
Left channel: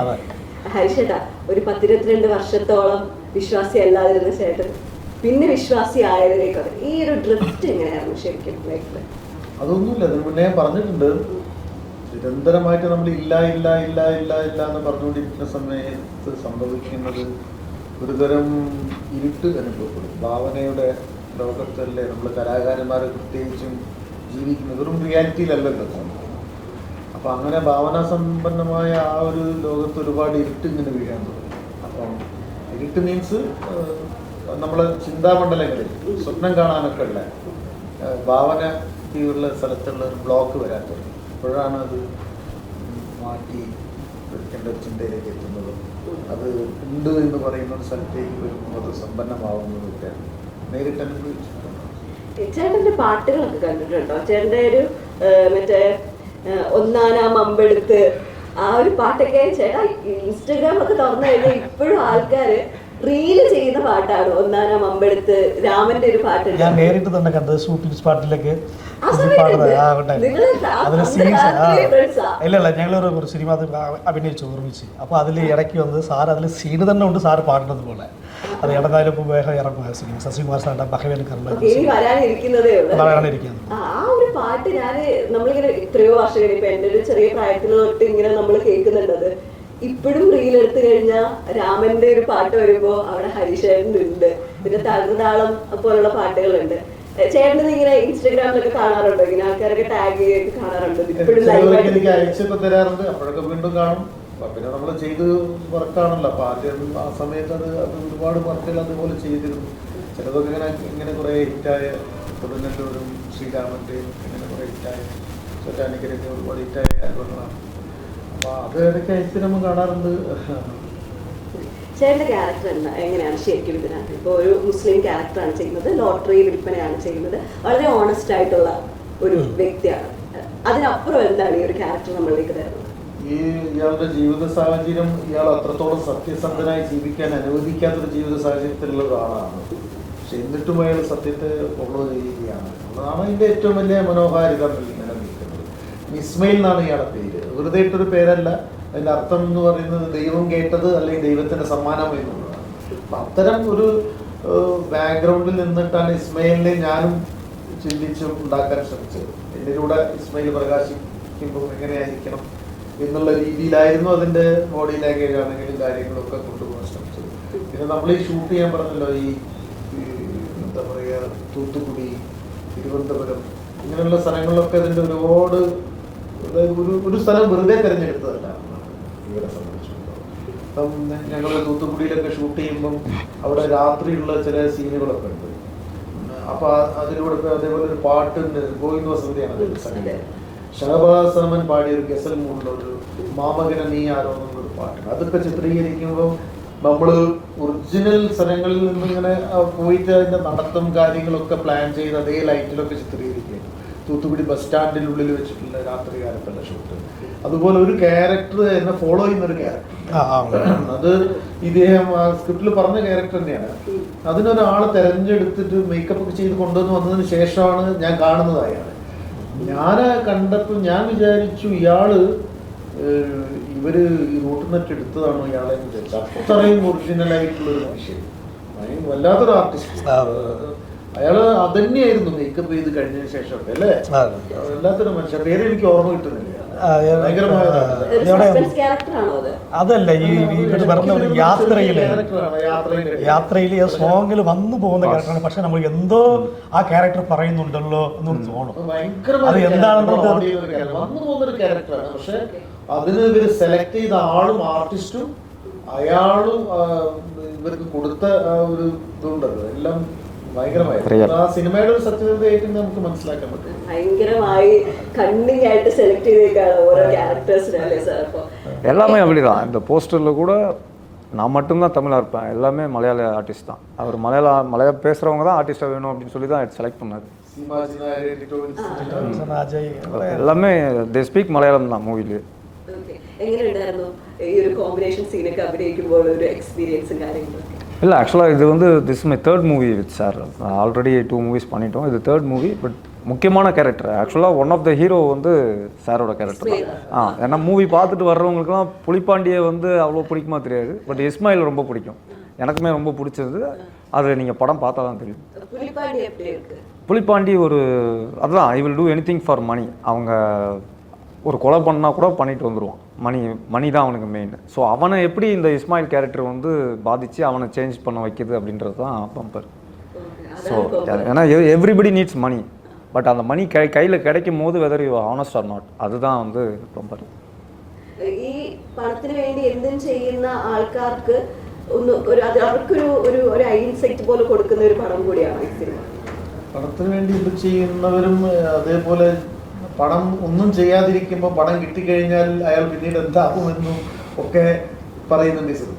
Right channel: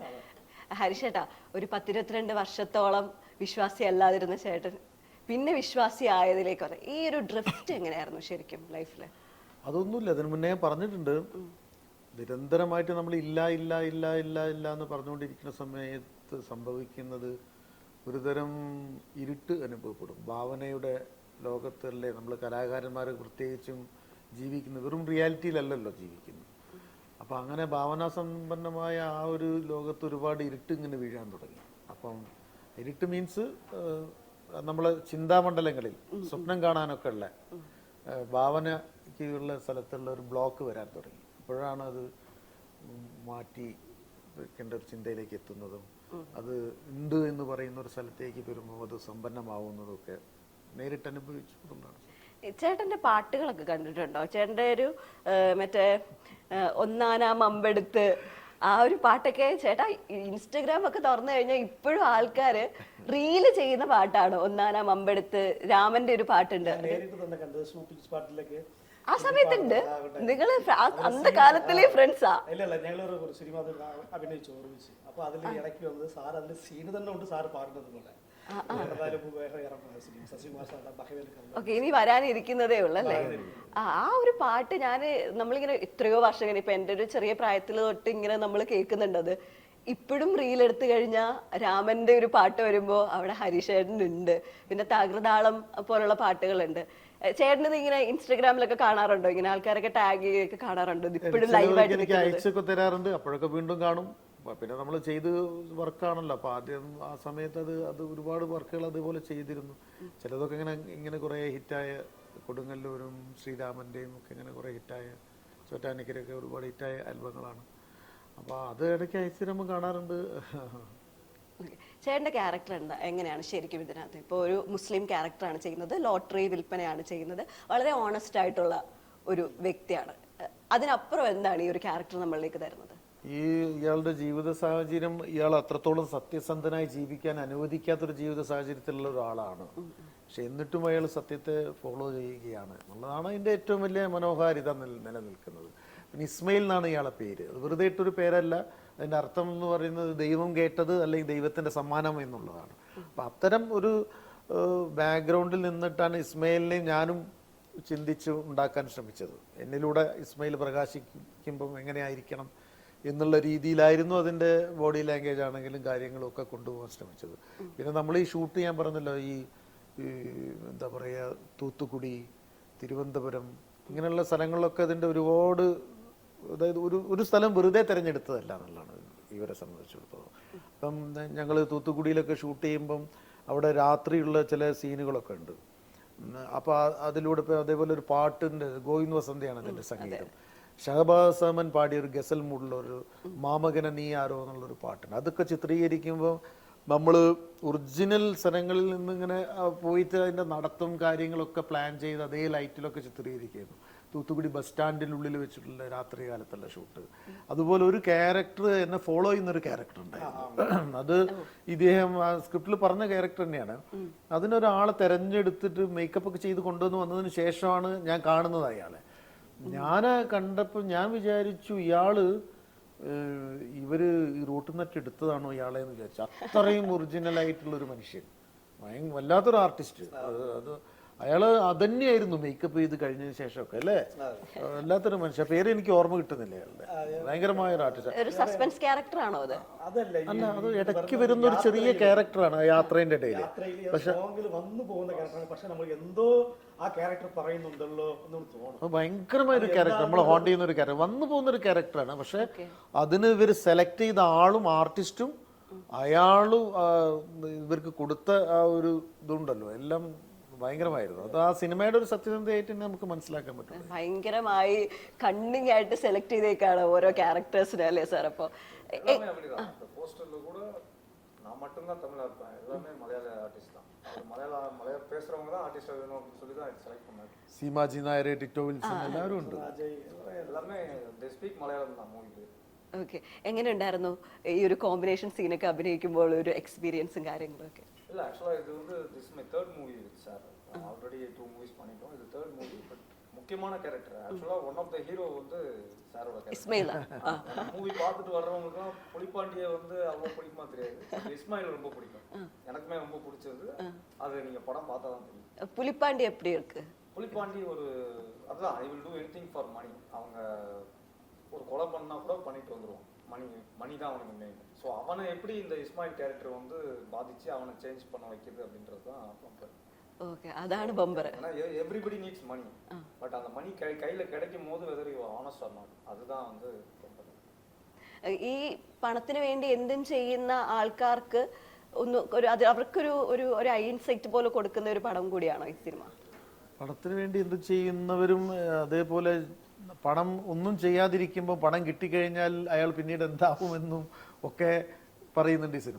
അതെ. ഒരു പത്തിരുപത്തിരണ്ട് വർഷത്തോളം വിശ്വാസി അല്ലാതിരുന്ന ചേട്ടൻ. പിന്നെ വിശ്വാസി ആയതിനേക്കാൾ ഈ ഒരു ഡ്രിഫ്റ്റ് എങ്ങനെയായിരുന്നു ശരിക്കും ലൈഫിൽ അതൊന്നുമില്ല പറഞ്ഞിട്ടുണ്ട്. നിരന്തരമായിട്ട് നമ്മൾ ഇല്ല ഇല്ല ഇല്ല ഇല്ല ഇല്ല എന്ന് പറഞ്ഞുകൊണ്ടിരിക്കുന്ന സമയത്ത് സംഭവിക്കുന്നത് ഒരുതരം ഇരുട്ട് അനുഭവപ്പെടും. ഭാവനയുടെ ലോകത്തല്ലേ നമ്മൾ കലാകാരന്മാർ പ്രത്യേകിച്ചും ജീവിക്കുന്നത്. വെറും റിയാലിറ്റിയിലല്ലല്ലോ അപ്പൊ അങ്ങനെ ഭാവനാ സമ്പന്നമായ ആ ഒരു ലോകത്ത് ഒരുപാട് ഇരുട്ട് ഇങ്ങനെ വീഴാൻ തുടങ്ങി. അപ്പം ഇരുട്ട് മീൻസ് നമ്മളെ ചിന്താമണ്ഡലങ്ങളിൽ സ്വപ്നം കാണാനൊക്കെ ഉള്ള ഭാവന ഉള്ള സ്ഥലത്തുള്ള ഒരു ബ്ലോക്ക് വരാത്തത് അപ്പോഴാണ് അത് മാറ്റി എടുക്കേണ്ട ഒരു ചിന്തയിലേക്ക് എത്തുന്നത്. അത് ഉണ്ട് എന്ന് പറയുന്ന ഒരു സ്ഥലത്തേക്ക് വരുമ്പോൾ അത് സമ്പന്നമാവുന്നതൊക്കെ നേരിട്ട് ചേട്ടന്റെ പാട്ടുകളൊക്കെ കണ്ടിട്ടുണ്ടോ? ചേട്ടന്റെ ഒരു മറ്റേ ഒന്നാനാം അമ്പെടുത്ത് ആ ഒരു പാട്ടൊക്കെ ചേട്ടാ ഇൻസ്റ്റാഗ്രാമൊക്കെ തുറന്നു കഴിഞ്ഞാൽ ഇപ്പോഴും ആൾക്കാര് റീൽ ചെയ്ത പാട്ടാണ്? ഒന്നാനാം അമ്പെടുത്ത് രാമന്റെ ഒരു പാട്ട് ഞാൻ നേരിട്ട് തന്നെ കണ്ടത് ഷൂട്ടിംഗ് സ്പോട്ടിലേക്ക് ആ സമയത്ത് ആ ഉണ്ടായിരുന്നു നിങ്ങൾ ആ അതിൽ അന്നത്തെ സീൻസ് കാലത്തിലെ friends ആ. ഇല്ല ഇല്ല ഞങ്ങൾ ഒരു സിനിമ അഭിനയിച്ചു ഓർമ്മിച്ച് അപ്പോൾ അതിൽ ഇടയ്ക്ക് വന്ന് സാർ അതിൽ സീന് തന്നെ ഉണ്ട് സാറ് പാടുന്നത് പോലെ. അത് ഇടന്നാലും ഇപ്പോൾ വേഗം ഇറങ്ങുക സിനിമ ശശികുമാർ സാറിന്റെ ബഹവേൽ വരാനിരിക്കുന്നതേ ഉള്ളൂ. അല്ലേ? ആ ഒരു പാട്ട് ഞാൻ നമ്മളിങ്ങനെ എത്രയോ വർഷം കഴിഞ്ഞപ്പോ എന്റെ ഒരു ചെറിയ പ്രായത്തിൽ തൊട്ട് ഇങ്ങനെ നമ്മൾ കേൾക്കുന്നുണ്ടത് ഇപ്പോഴും റീൽ എടുത്തു കഴിഞ്ഞാൽ രാമന്റെ ഒരു പാട്ട് വരുമ്പോ അവിടെ ഹരിശേഖരനുണ്ട്. പിന്നെ തകർന്നാളം പോലുള്ള പാട്ടുകളുണ്ട്. ചേട്ടൻ ഇങ്ങനെ ഇൻസ്റ്റാഗ്രാമിലൊക്കെ കാണാറുണ്ടോ? ഇങ്ങനെ ആൾക്കാരൊക്കെ ടാഗ് ചെയ്ത് കാണാറുണ്ടോ? ഇപ്പോഴും പിന്നെ നമ്മൾ ചെയ്ത് വർക്കാണല്ലോ അപ്പൊ ആദ്യം ആ സമയത്ത് അത് അത് ഒരുപാട് വർക്കുകൾ അതുപോലെ ചെയ്തിരുന്നു. ചിലതൊക്കെ ഇങ്ങനെ ഇങ്ങനെ കുറെ ഹിറ്റായ കൊടുങ്ങല്ലൂരും ശ്രീരാമന്റെയും ഇങ്ങനെ കുറെ ഹിറ്റായ ചൊറ്റാനിക്കരൊക്കെ ഒരുപാട് ഹിറ്റായ ആൽബങ്ങളാണ് ചേട്ടന്റെ ക്യാരക്ടർ എങ്ങനെയാണ് ശരിക്കും ഇതിനകത്ത്? ഇപ്പൊ ഒരു മുസ്ലിം ക്യാരക്ടറാണ് ചെയ്യുന്നത് ലോട്ടറി വിൽപ്പനയാണ് ചെയ്യുന്നത്. വളരെ ഓണസ്റ്റ് ആയിട്ടുള്ള ഒരു വ്യക്തിയാണ്. അതിനപ്പുറം എന്താണ് ഈ ഒരു ക്യാരക്ടർ നമ്മളിലേക്ക് തരുന്നത് ഈ ഇയാളുടെ ജീവിത സാഹചര്യം ഇയാൾ അത്രത്തോളം സത്യസന്ധനായി ജീവിക്കാൻ അനുവദിക്കാത്ത ജീവിത സാഹചര്യത്തിലുള്ള ഒരാളാണ്. പക്ഷെ എന്നിട്ടും അയാൾ സത്യത്തെ ഫോളോ ചെയ്യുകയാണ്. അതാണ് ഇതിന്റെ ഏറ്റവും വലിയ മനോഹാരിത ഇങ്ങനെ നിൽക്കുന്നത്. ഇസ്മയിൽ എന്നാണ് ഇയാളുടെ പേര്. വെറുതെ ഇട്ടൊരു പേരല്ല. അതിന്റെ അർത്ഥം എന്ന് പറയുന്നത് ദൈവം കേട്ടത് അല്ലെങ്കിൽ ദൈവത്തിന്റെ സമ്മാനം എന്നുള്ളതാണ്. അപ്പൊ അത്തരം ഒരു ബാക്ക്ഗ്രൗണ്ടിൽ നിന്നിട്ടാണ് ഇസ്മയിലിനെ ഞാനും ചിന്തിച്ച് ഉണ്ടാക്കാൻ ശ്രമിച്ചത്. എന്നിലൂടെ ഇസ്മയിൽ പ്രകാശിക്കുമ്പോൾ എങ്ങനെയായിരിക്കണം എന്നുള്ള രീതിയിലായിരുന്നു അതിന്റെ ബോഡി ലാംഗ്വേജ് ആണെങ്കിലും കാര്യങ്ങളൊക്കെ കൊണ്ടുപോകാൻ ശ്രമിച്ചത്. പിന്നെ നമ്മൾ ഈ ഷൂട്ട് ചെയ്യാൻ പറഞ്ഞല്ലോ ഈ എന്താ പറയാ തൂത്തുക്കുടി തിരുവനന്തപുരം ഇങ്ങനെയുള്ള സ്ഥലങ്ങളിലൊക്കെ അതിന്റെ ഒരുപാട് ഒരു ഒരു സ്ഥലം വെറുതെ തിരഞ്ഞെടുത്തതല്ല. ഇവരെ സംബന്ധിച്ചിടത്തോളം. ഇപ്പം ഞങ്ങൾ തൂത്തുക്കുടിയിലൊക്കെ ഷൂട്ട് ചെയ്യുമ്പം അവിടെ രാത്രിയുള്ള ചില സീനുകളൊക്കെ ഉണ്ട്. അപ്പൊ അതിലൂടെ അതേപോലെ പാട്ട് പാട്ടുണ്ട് ഗോവിന്ദ വസതിയാണ്. ഷഹബാസ് പാടിയ ഒരു ഗസൽ മൂടുള്ള ഒരു മാമകന നീ ആരോ എന്നൊരു പാട്ട് അതൊക്കെ ചിത്രീകരിക്കുമ്പോൾ നമ്മൾ ഒറിജിനൽ സ്ഥലങ്ങളിൽ നിന്ന് ഇങ്ങനെ പോയിട്ട് അതിന്റെ നടത്തം കാര്യങ്ങളൊക്കെ പ്ലാൻ ചെയ്ത് അതേ ലൈറ്റിലൊക്കെ ചിത്രീകരിക്കുകയും തൂത്തുക്കുടി ബസ് സ്റ്റാൻഡിനുള്ളിൽ വെച്ചിട്ടുള്ള രാത്രി കാലത്തുള്ള ഷൂട്ട് അതുപോലെ ഒരു ക്യാരക്ടർ എന്നെ ഫോളോ ചെയ്യുന്ന ഒരു ക്യാരക്ടർ അത് ഇദ്ദേഹം ആ സ്ക്രിപ്റ്റിൽ പറഞ്ഞ ക്യാരക്ടർ തന്നെയാണ്. അതിനൊരാളെ തെരഞ്ഞെടുത്തിട്ട് മേക്കപ്പ് ചെയ്ത് കൊണ്ടുവന്ന് വന്നതിന് ശേഷമാണ് ഞാൻ കാണുന്നത് അയാൾ ഞാൻ കണ്ടപ്പോൾ ഞാൻ വിചാരിച്ചു ഇയാൾ ഇവർ നെറ്റ് എടുത്തതാണ് ഇയാളെ വിചാരിച്ചത് വിചാരിച്ചു. അത്രയും ഒറിജിനൽ ആയിട്ടുള്ള ഒരു മനുഷ്യൻ. ഭയങ്കര വല്ലാത്തൊരു ആർട്ടിസ്റ്റ്. അയാൾ അതന്നെയായിരുന്നു മേക്കപ്പ് ചെയ്ത് കഴിഞ്ഞ ശേഷം അല്ലേ. വല്ലാത്തൊരു പേര് എനിക്ക് ഓർമ്മ കിട്ടുന്നില്ല. അതല്ല ഈ പറഞ്ഞ യാത്രയിൽ. യാത്രയിൽ സോങ്ങിൽ വന്നു പോകുന്ന ക്യാരക്ടറാണ് പക്ഷെ നമ്മൾ എന്തോ ആ ക്യാരക്ടർ പറയുന്നുണ്ടല്ലോ എന്നൊരു തോന്നും. അത് എന്താണെന്ന് character, നമുക്ക് ചെയ്യുന്ന ഒരു character. വന്നു പോകുന്ന ഒരു ക്യാരക്ടറാണ് പക്ഷെ അതിന് ഇവർ സെലക്ട് ചെയ്ത ആളും ആർട്ടിസ്റ്റും അയാളും ഇവർക്ക് കൊടുത്ത ആ ഒരു ഇതുണ്ടല്ലോ. എല്ലാം ഭയങ്കരമായി Real. ആ സിനിമയുടെ സത്യതയായിട്ട് നമുക്ക് മനസ്സിലാക്കാൻ പറ്റും ഭയങ്കരമായി കണ്ണിങ് ആയിട്ട് സെലക്ട് ചെയ്തേക്കാണ് ഓരോ ക്യാരക്ടേഴ്സ് അല്ലേ സാർ അപ്പൊ எல்லாமே அப்படிதான் இந்த போஸ்டரில் கூட நான் மட்டும்தான் தமிழாக இருப்பேன் எல்லாமே மலையாள ஆர்டிஸ்ட் தான் அவர் மலையாள மலையாள பேசுகிறவங்க தான் ஆர்டிஸ்ட்டாக வேணும் அப்படின்னு சொல்லி தான் செலக்ட் பண்ணார் സീമാജി നായരെ ടിറ്റോ വിൻസെന്റ് അജയ് எல்லாமே தே ஸ்பீக் மலையாளம் தான் மூவிலேயே ഓക്കെ എങ്ങനെയുണ്ടായിരുന്നു ഈ ഒരു കോമ്പിനേഷൻ സീനൊക്കെ അഭിനയിക്കുമ്പോൾ ഒരു എക്സ്പീരിയൻസ് കാര്യങ്ങളൊക്കെ இல்லை ஆக்சுவலாக இது வந்து this my third movie with sir already two movies பண்ணிட்டோம். இது தேர்ட் மூவி பட் முக்கியமான கேரக்டர் ஆக்சுவலாக ஒன் ஆஃப் த ஹீரோ வந்து சாரோட கேரக்டர். ஆ ஏன்னா மூவி பார்த்துட்டு வர்றவங்களுக்குலாம் புலிப்பாண்டியை வந்து அவ்வளோ பிடிக்குமா தெரியாது. பட் இஸ்மாயில் ரொம்ப பிடிக்கும். எனக்குமே ரொம்ப பிடிச்சது. அது நீங்கள் படம் பார்த்தா தான் தெரியும். புலிப்பாண்டி எப்படி இருக்கு? புலிப்பாண்டி ஒரு அதுதான் I will do anything for money அவங்க ஒரு கொலை பண்ணா கூட பண்ணிட்டு வந்துடுவான் மணி மணி தான் அவனுக்கு மெயின் ஸோ அவனை எப்படி இந்த இஸ்மாயில் கேரக்டர் வந்து பாதித்து அவனை சேஞ்ச் பண்ண வைக்கிது அப்படின்றது தான் பம்பர் Okay, ஸோ அதான் இப்போ ஏன்னா எவ்ரிபடி நீட்ஸ் மணி பட் அந்த மணி கை கையில் கிடைக்கும் போது whether you honest are not அதுதான் வந்து பம்பர் ഈ പണത്തിന് വേണ്ടി എന്തും ചെയ്യുന്ന ആൾക്കാർക്ക് ഒന്ന് ഒരു അത് അവർക്കൊരു ഒരു ഒരു ഐഡൻസിറ്റി പോലെ കൊടുക്കുന്ന ഒരു പടം കൂടിയാണ് ഈ സിനിമ പണത്തിന് വേണ്ടി ഇത് ചെയ്യുന്നവരും ഏഹ്, അതേപോലെ പണം ഒന്നും ചെയ്യാതിരിക്കുമ്പോൾ പണം കിട്ടിക്കഴിഞ്ഞാൽ അയാൾ പിന്നീട് എന്താകുമെന്നും ഒക്കെ പറയുന്നുണ്ട് ഈ സിനിമ.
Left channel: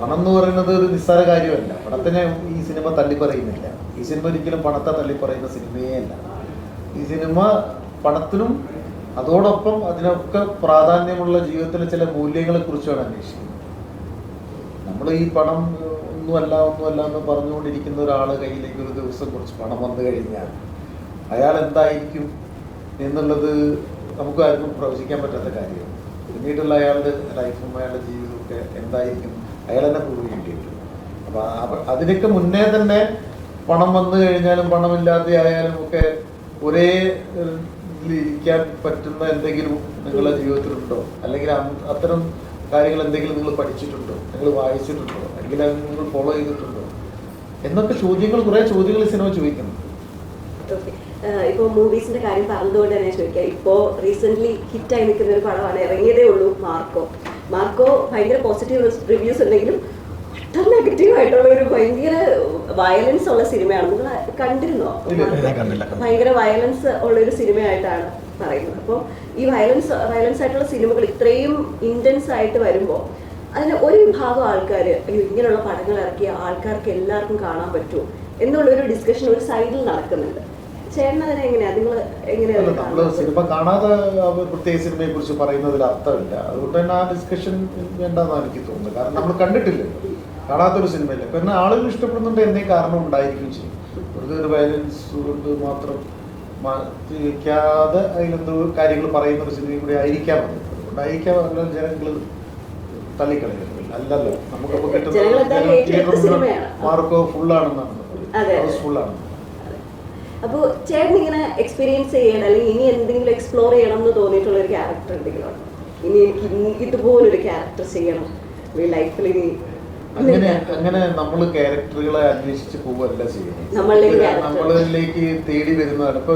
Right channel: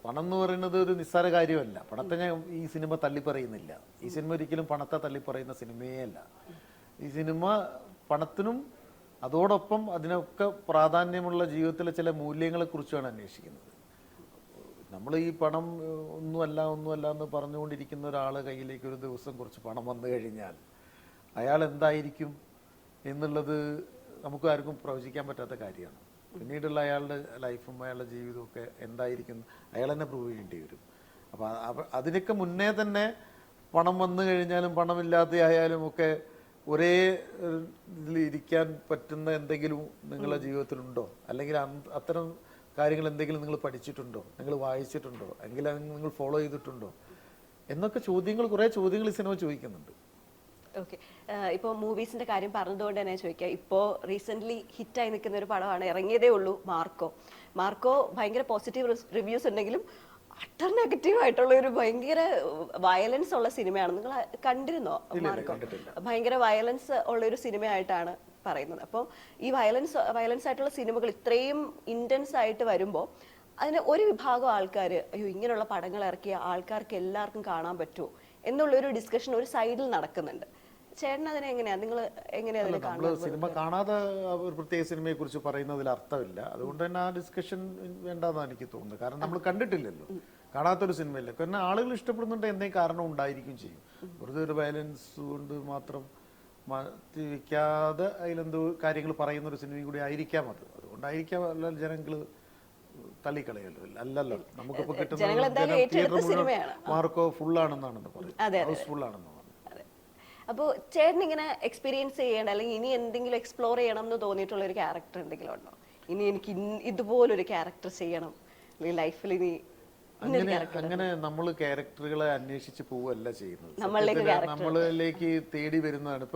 പണം എന്ന് പറയുന്നത് ഒരു നിസ്സാര കാര്യമല്ല. പണത്തിനെ ഈ സിനിമ തള്ളിപ്പറയുന്നില്ല. ഈ സിനിമ ഒരിക്കലും പണത്തെ തള്ളിപ്പറയുന്ന സിനിമയേ അല്ല. ഈ സിനിമ പണത്തിനും അതോടൊപ്പം അതിനൊക്കെ പ്രാധാന്യമുള്ള ജീവിതത്തിലെ ചില മൂല്യങ്ങളെ കുറിച്ചാണ് അന്വേഷിക്കുന്നത്. നമ്മൾ ഈ പണം ഒന്നുമല്ല ഒന്നുമല്ല എന്ന് പറഞ്ഞുകൊണ്ടിരിക്കുന്ന ഒരാൾ കയ്യിലേക്ക് ഒരു ദിവസം കുറച്ച് പണം വന്നു കഴിഞ്ഞാൽ അയാൾ എന്തായിരിക്കും എന്നുള്ളത് നമുക്ക് ആർക്കും പ്രവചിക്കാൻ പറ്റാത്ത കാര്യമാണ് പിന്നീടുള്ള അയാളുടെ ലൈഫും അയാളുടെ ജീവിതവും ഒക്കെ എന്തായിരിക്കും അയാൾ തന്നെ ചെയ്യേണ്ടി അപ്പൊ അതിനൊക്കെ മുന്നേ തന്നെ പണം വന്നു കഴിഞ്ഞാലും പണമില്ലാതെ ആയാലും ഒക്കെ ഒരേ ഇരിക്കാൻ പറ്റുന്ന എന്തെങ്കിലും നിങ്ങളുടെ ജീവിതത്തിലുണ്ടോ? അല്ലെങ്കിൽ അത്തരം കാര്യങ്ങൾ എന്തെങ്കിലും നിങ്ങൾ പഠിച്ചിട്ടുണ്ടോ? നിങ്ങൾ വായിച്ചിട്ടുണ്ടോ? അല്ലെങ്കിൽ അത് നിങ്ങൾ ഫോളോ ചെയ്തിട്ടുണ്ടോ? എന്നൊക്കെ ചോദ്യങ്ങൾ കുറെ ചോദ്യങ്ങൾ സിനിമ ചോദിക്കുന്നു. Okay. ആഹ് ഇപ്പൊ മൂവീസിന്റെ കാര്യം പറഞ്ഞതുകൊണ്ട് തന്നെ ചോദിക്കാം. ഇപ്പോ റീസെന്റ് ഹിറ്റായി നിൽക്കുന്ന ഒരു പടമാണ് ഇറങ്ങിയതേ ഉള്ളൂ മാർക്കോ. മാർക്കോ ഭയങ്കര പോസിറ്റീവ് റിവ്യൂസ് ഉണ്ടെങ്കിലും വളരെ നെഗറ്റീവ് ആയിട്ടുള്ള ഒരു ഭയങ്കര വയലൻസ് ഉള്ള സിനിമയാണ് നിങ്ങൾ കണ്ടിരുന്നോ. ഭയങ്കര വയലൻസ് ഉള്ള ഒരു സിനിമയായിട്ടാണ് പറയുന്നത്. അപ്പോൾ ഈ വയലൻസ് വയലൻസ് ആയിട്ടുള്ള സിനിമകൾ ഇത്രയും ഇന്റൻസ് ആയിട്ട് വരുമ്പോൾ അതിന് ഒരു ഭാഗം ആൾക്കാർ ഇങ്ങനെയുള്ള പടങ്ങൾ ഇറക്കിയ ആൾക്കാർക്ക് എല്ലാവർക്കും കാണാൻ പറ്റുമോ? എന്നുള്ള ഒരു ഡിസ്കഷൻ ഒരു സൈഡിൽ നടക്കുന്നുണ്ട്. സിനിമ കാണാതെ അവർ പ്രത്യേക സിനിമയെ കുറിച്ച് പറയുന്നതിൽ അർത്ഥമില്ല. അതുകൊണ്ട് തന്നെ ആ ഡിസ്കഷൻ വേണ്ടെന്നാണ് എനിക്ക് തോന്നുന്നത്. കാരണം നമ്മൾ കണ്ടിട്ടില്ല. കാണാത്തൊരു സിനിമയില്ല. പിന്നെ ആളുകൾ ഇഷ്ടപ്പെടുന്നുണ്ട് എന്നേ കാരണം ഉണ്ടായിരിക്കും ചെയ്യും. വെറുതെ ഒരു വയലൻസ് കൊണ്ട് മാത്രം മാറ്റിവെക്കാതെ അതിലെന്തോ കാര്യങ്ങൾ പറയുന്ന ഒരു സിനിമയും കൂടി ആയിരിക്കാം. അത്. അതുകൊണ്ടായിരിക്കാം അങ്ങനെ ജനങ്ങൾ തള്ളിക്കളയുന്നത്. അല്ലല്ലോ. നമുക്ക് കിട്ടുന്ന മാർക്കോ ഫുള്ളാണെന്നാണ്. ഫുള്ളാണ് അപ്പൊ ചേട്ടൻ ഇങ്ങനെ എക്സ്പീരിയൻസ് ചെയ്യണം അല്ലെങ്കിൽ ഇനി എന്തെങ്കിലും എക്സ്പ്ലോർ ചെയ്യണം എന്ന് തോന്നിയിട്ടുള്ള ഒരു ക്യാരക്ടർ എന്തെങ്കിലും ഇനി എനിക്ക് ഇതുപോലൊരു ക്യാരക്ടർ ചെയ്യണം ലൈഫിൽ ഇനി അങ്ങനെ അങ്ങനെ നമ്മൾ ക്യാരക്ടറുകളെ അന്വേഷിച്ച് പോവല്ല ചെയ്യുന്നത്. നമ്മളിലേക്ക് തേടി വരുന്നതാണ്. ഇപ്പൊ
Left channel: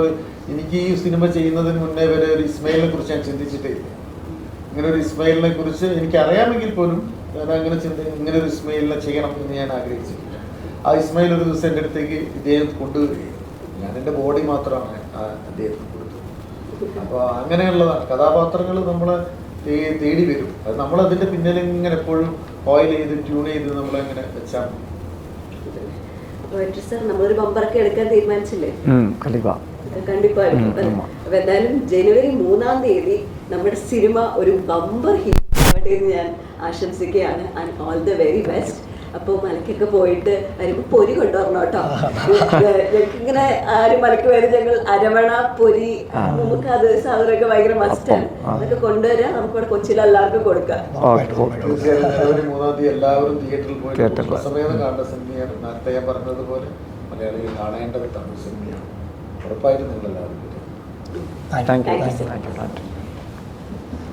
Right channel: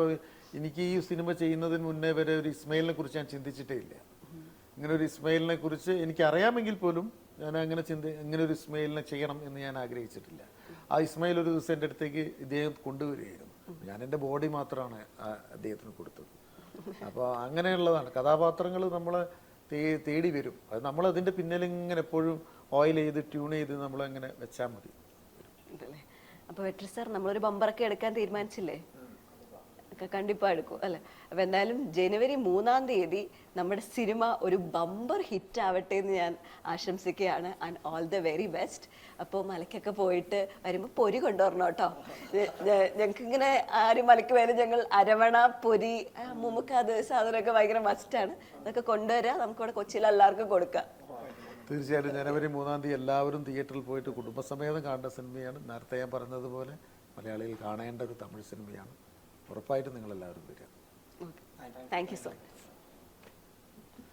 എനിക്ക് ഈ സിനിമ ചെയ്യുന്നതിന് മുന്നേ വരെ ഒരു ഇസ്മയിലിനെ കുറിച്ച് ഞാൻ ചിന്തിച്ചിട്ടേ ഇങ്ങനെ ഒരു ഇസ്മയിലിനെ കുറിച്ച് എനിക്ക് അറിയാമെങ്കിൽ പോലും ഞാൻ അങ്ങനെ ചിന്തി ഇങ്ങനെ ഒരു ഇസ്മയിലിനെ ചെയ്യണം എന്ന് ഞാൻ ആഗ്രഹിച്ചിട്ടില്ല. ആ ഇസ്മയിൽ ഒരു ദിവസം എന്റെ അടുത്തേക്ക് ഇദ്ദേഹം കൊണ്ടുവരികയും ഞാൻ എന്റെ ബോഡി മാത്രമാണ് അദ്ദേഹത്തിന് കൊടുത്തത് അപ്പോൾ അങ്ങനെയുള്ളതാണ് കഥാപാത്രങ്ങൾ നമ്മൾ ഈ തേടി വരും. അത് നമ്മൾ അതിന്റെ പിന്നിൽ ഇങ്ങനെ എപ്പോഴും ഓയിൽ ചെയ്ത് ട്യൂൺ ചെയ്ത് നമ്മൾ അങ്ങനെ വെച്ചാൽ എന്തായാലും ജനുവരി മൂന്നാം തീയതി നമ്മുടെ സിനിമ ഒരു ബമ്പർ ഹിറ്റ് ആവട്ടെ എന്ന് ഞാൻ ആശംസിക്കുകയാണ്. And all the very best അപ്പൊ മലക്കൊക്കെ പോയിട്ട് വരുമ്പോ പൊരി കൊണ്ടുവരണം കേട്ടോ. ഇങ്ങനെ ആരും മലക്ക് വരുന്ന അരവണ പൊരി നമുക്ക് അത് സാധനമൊക്കെ ഭയങ്കര മസ്റ്റാണ് അതൊക്കെ കൊണ്ടുവരാൻ നമുക്ക് കൊച്ചിയിൽ എല്ലാവർക്കും കൊടുക്കാം. എല്ലാവരും തിയേറ്ററിൽ പോയി പറഞ്ഞതുപോലെ thank you thank you thank you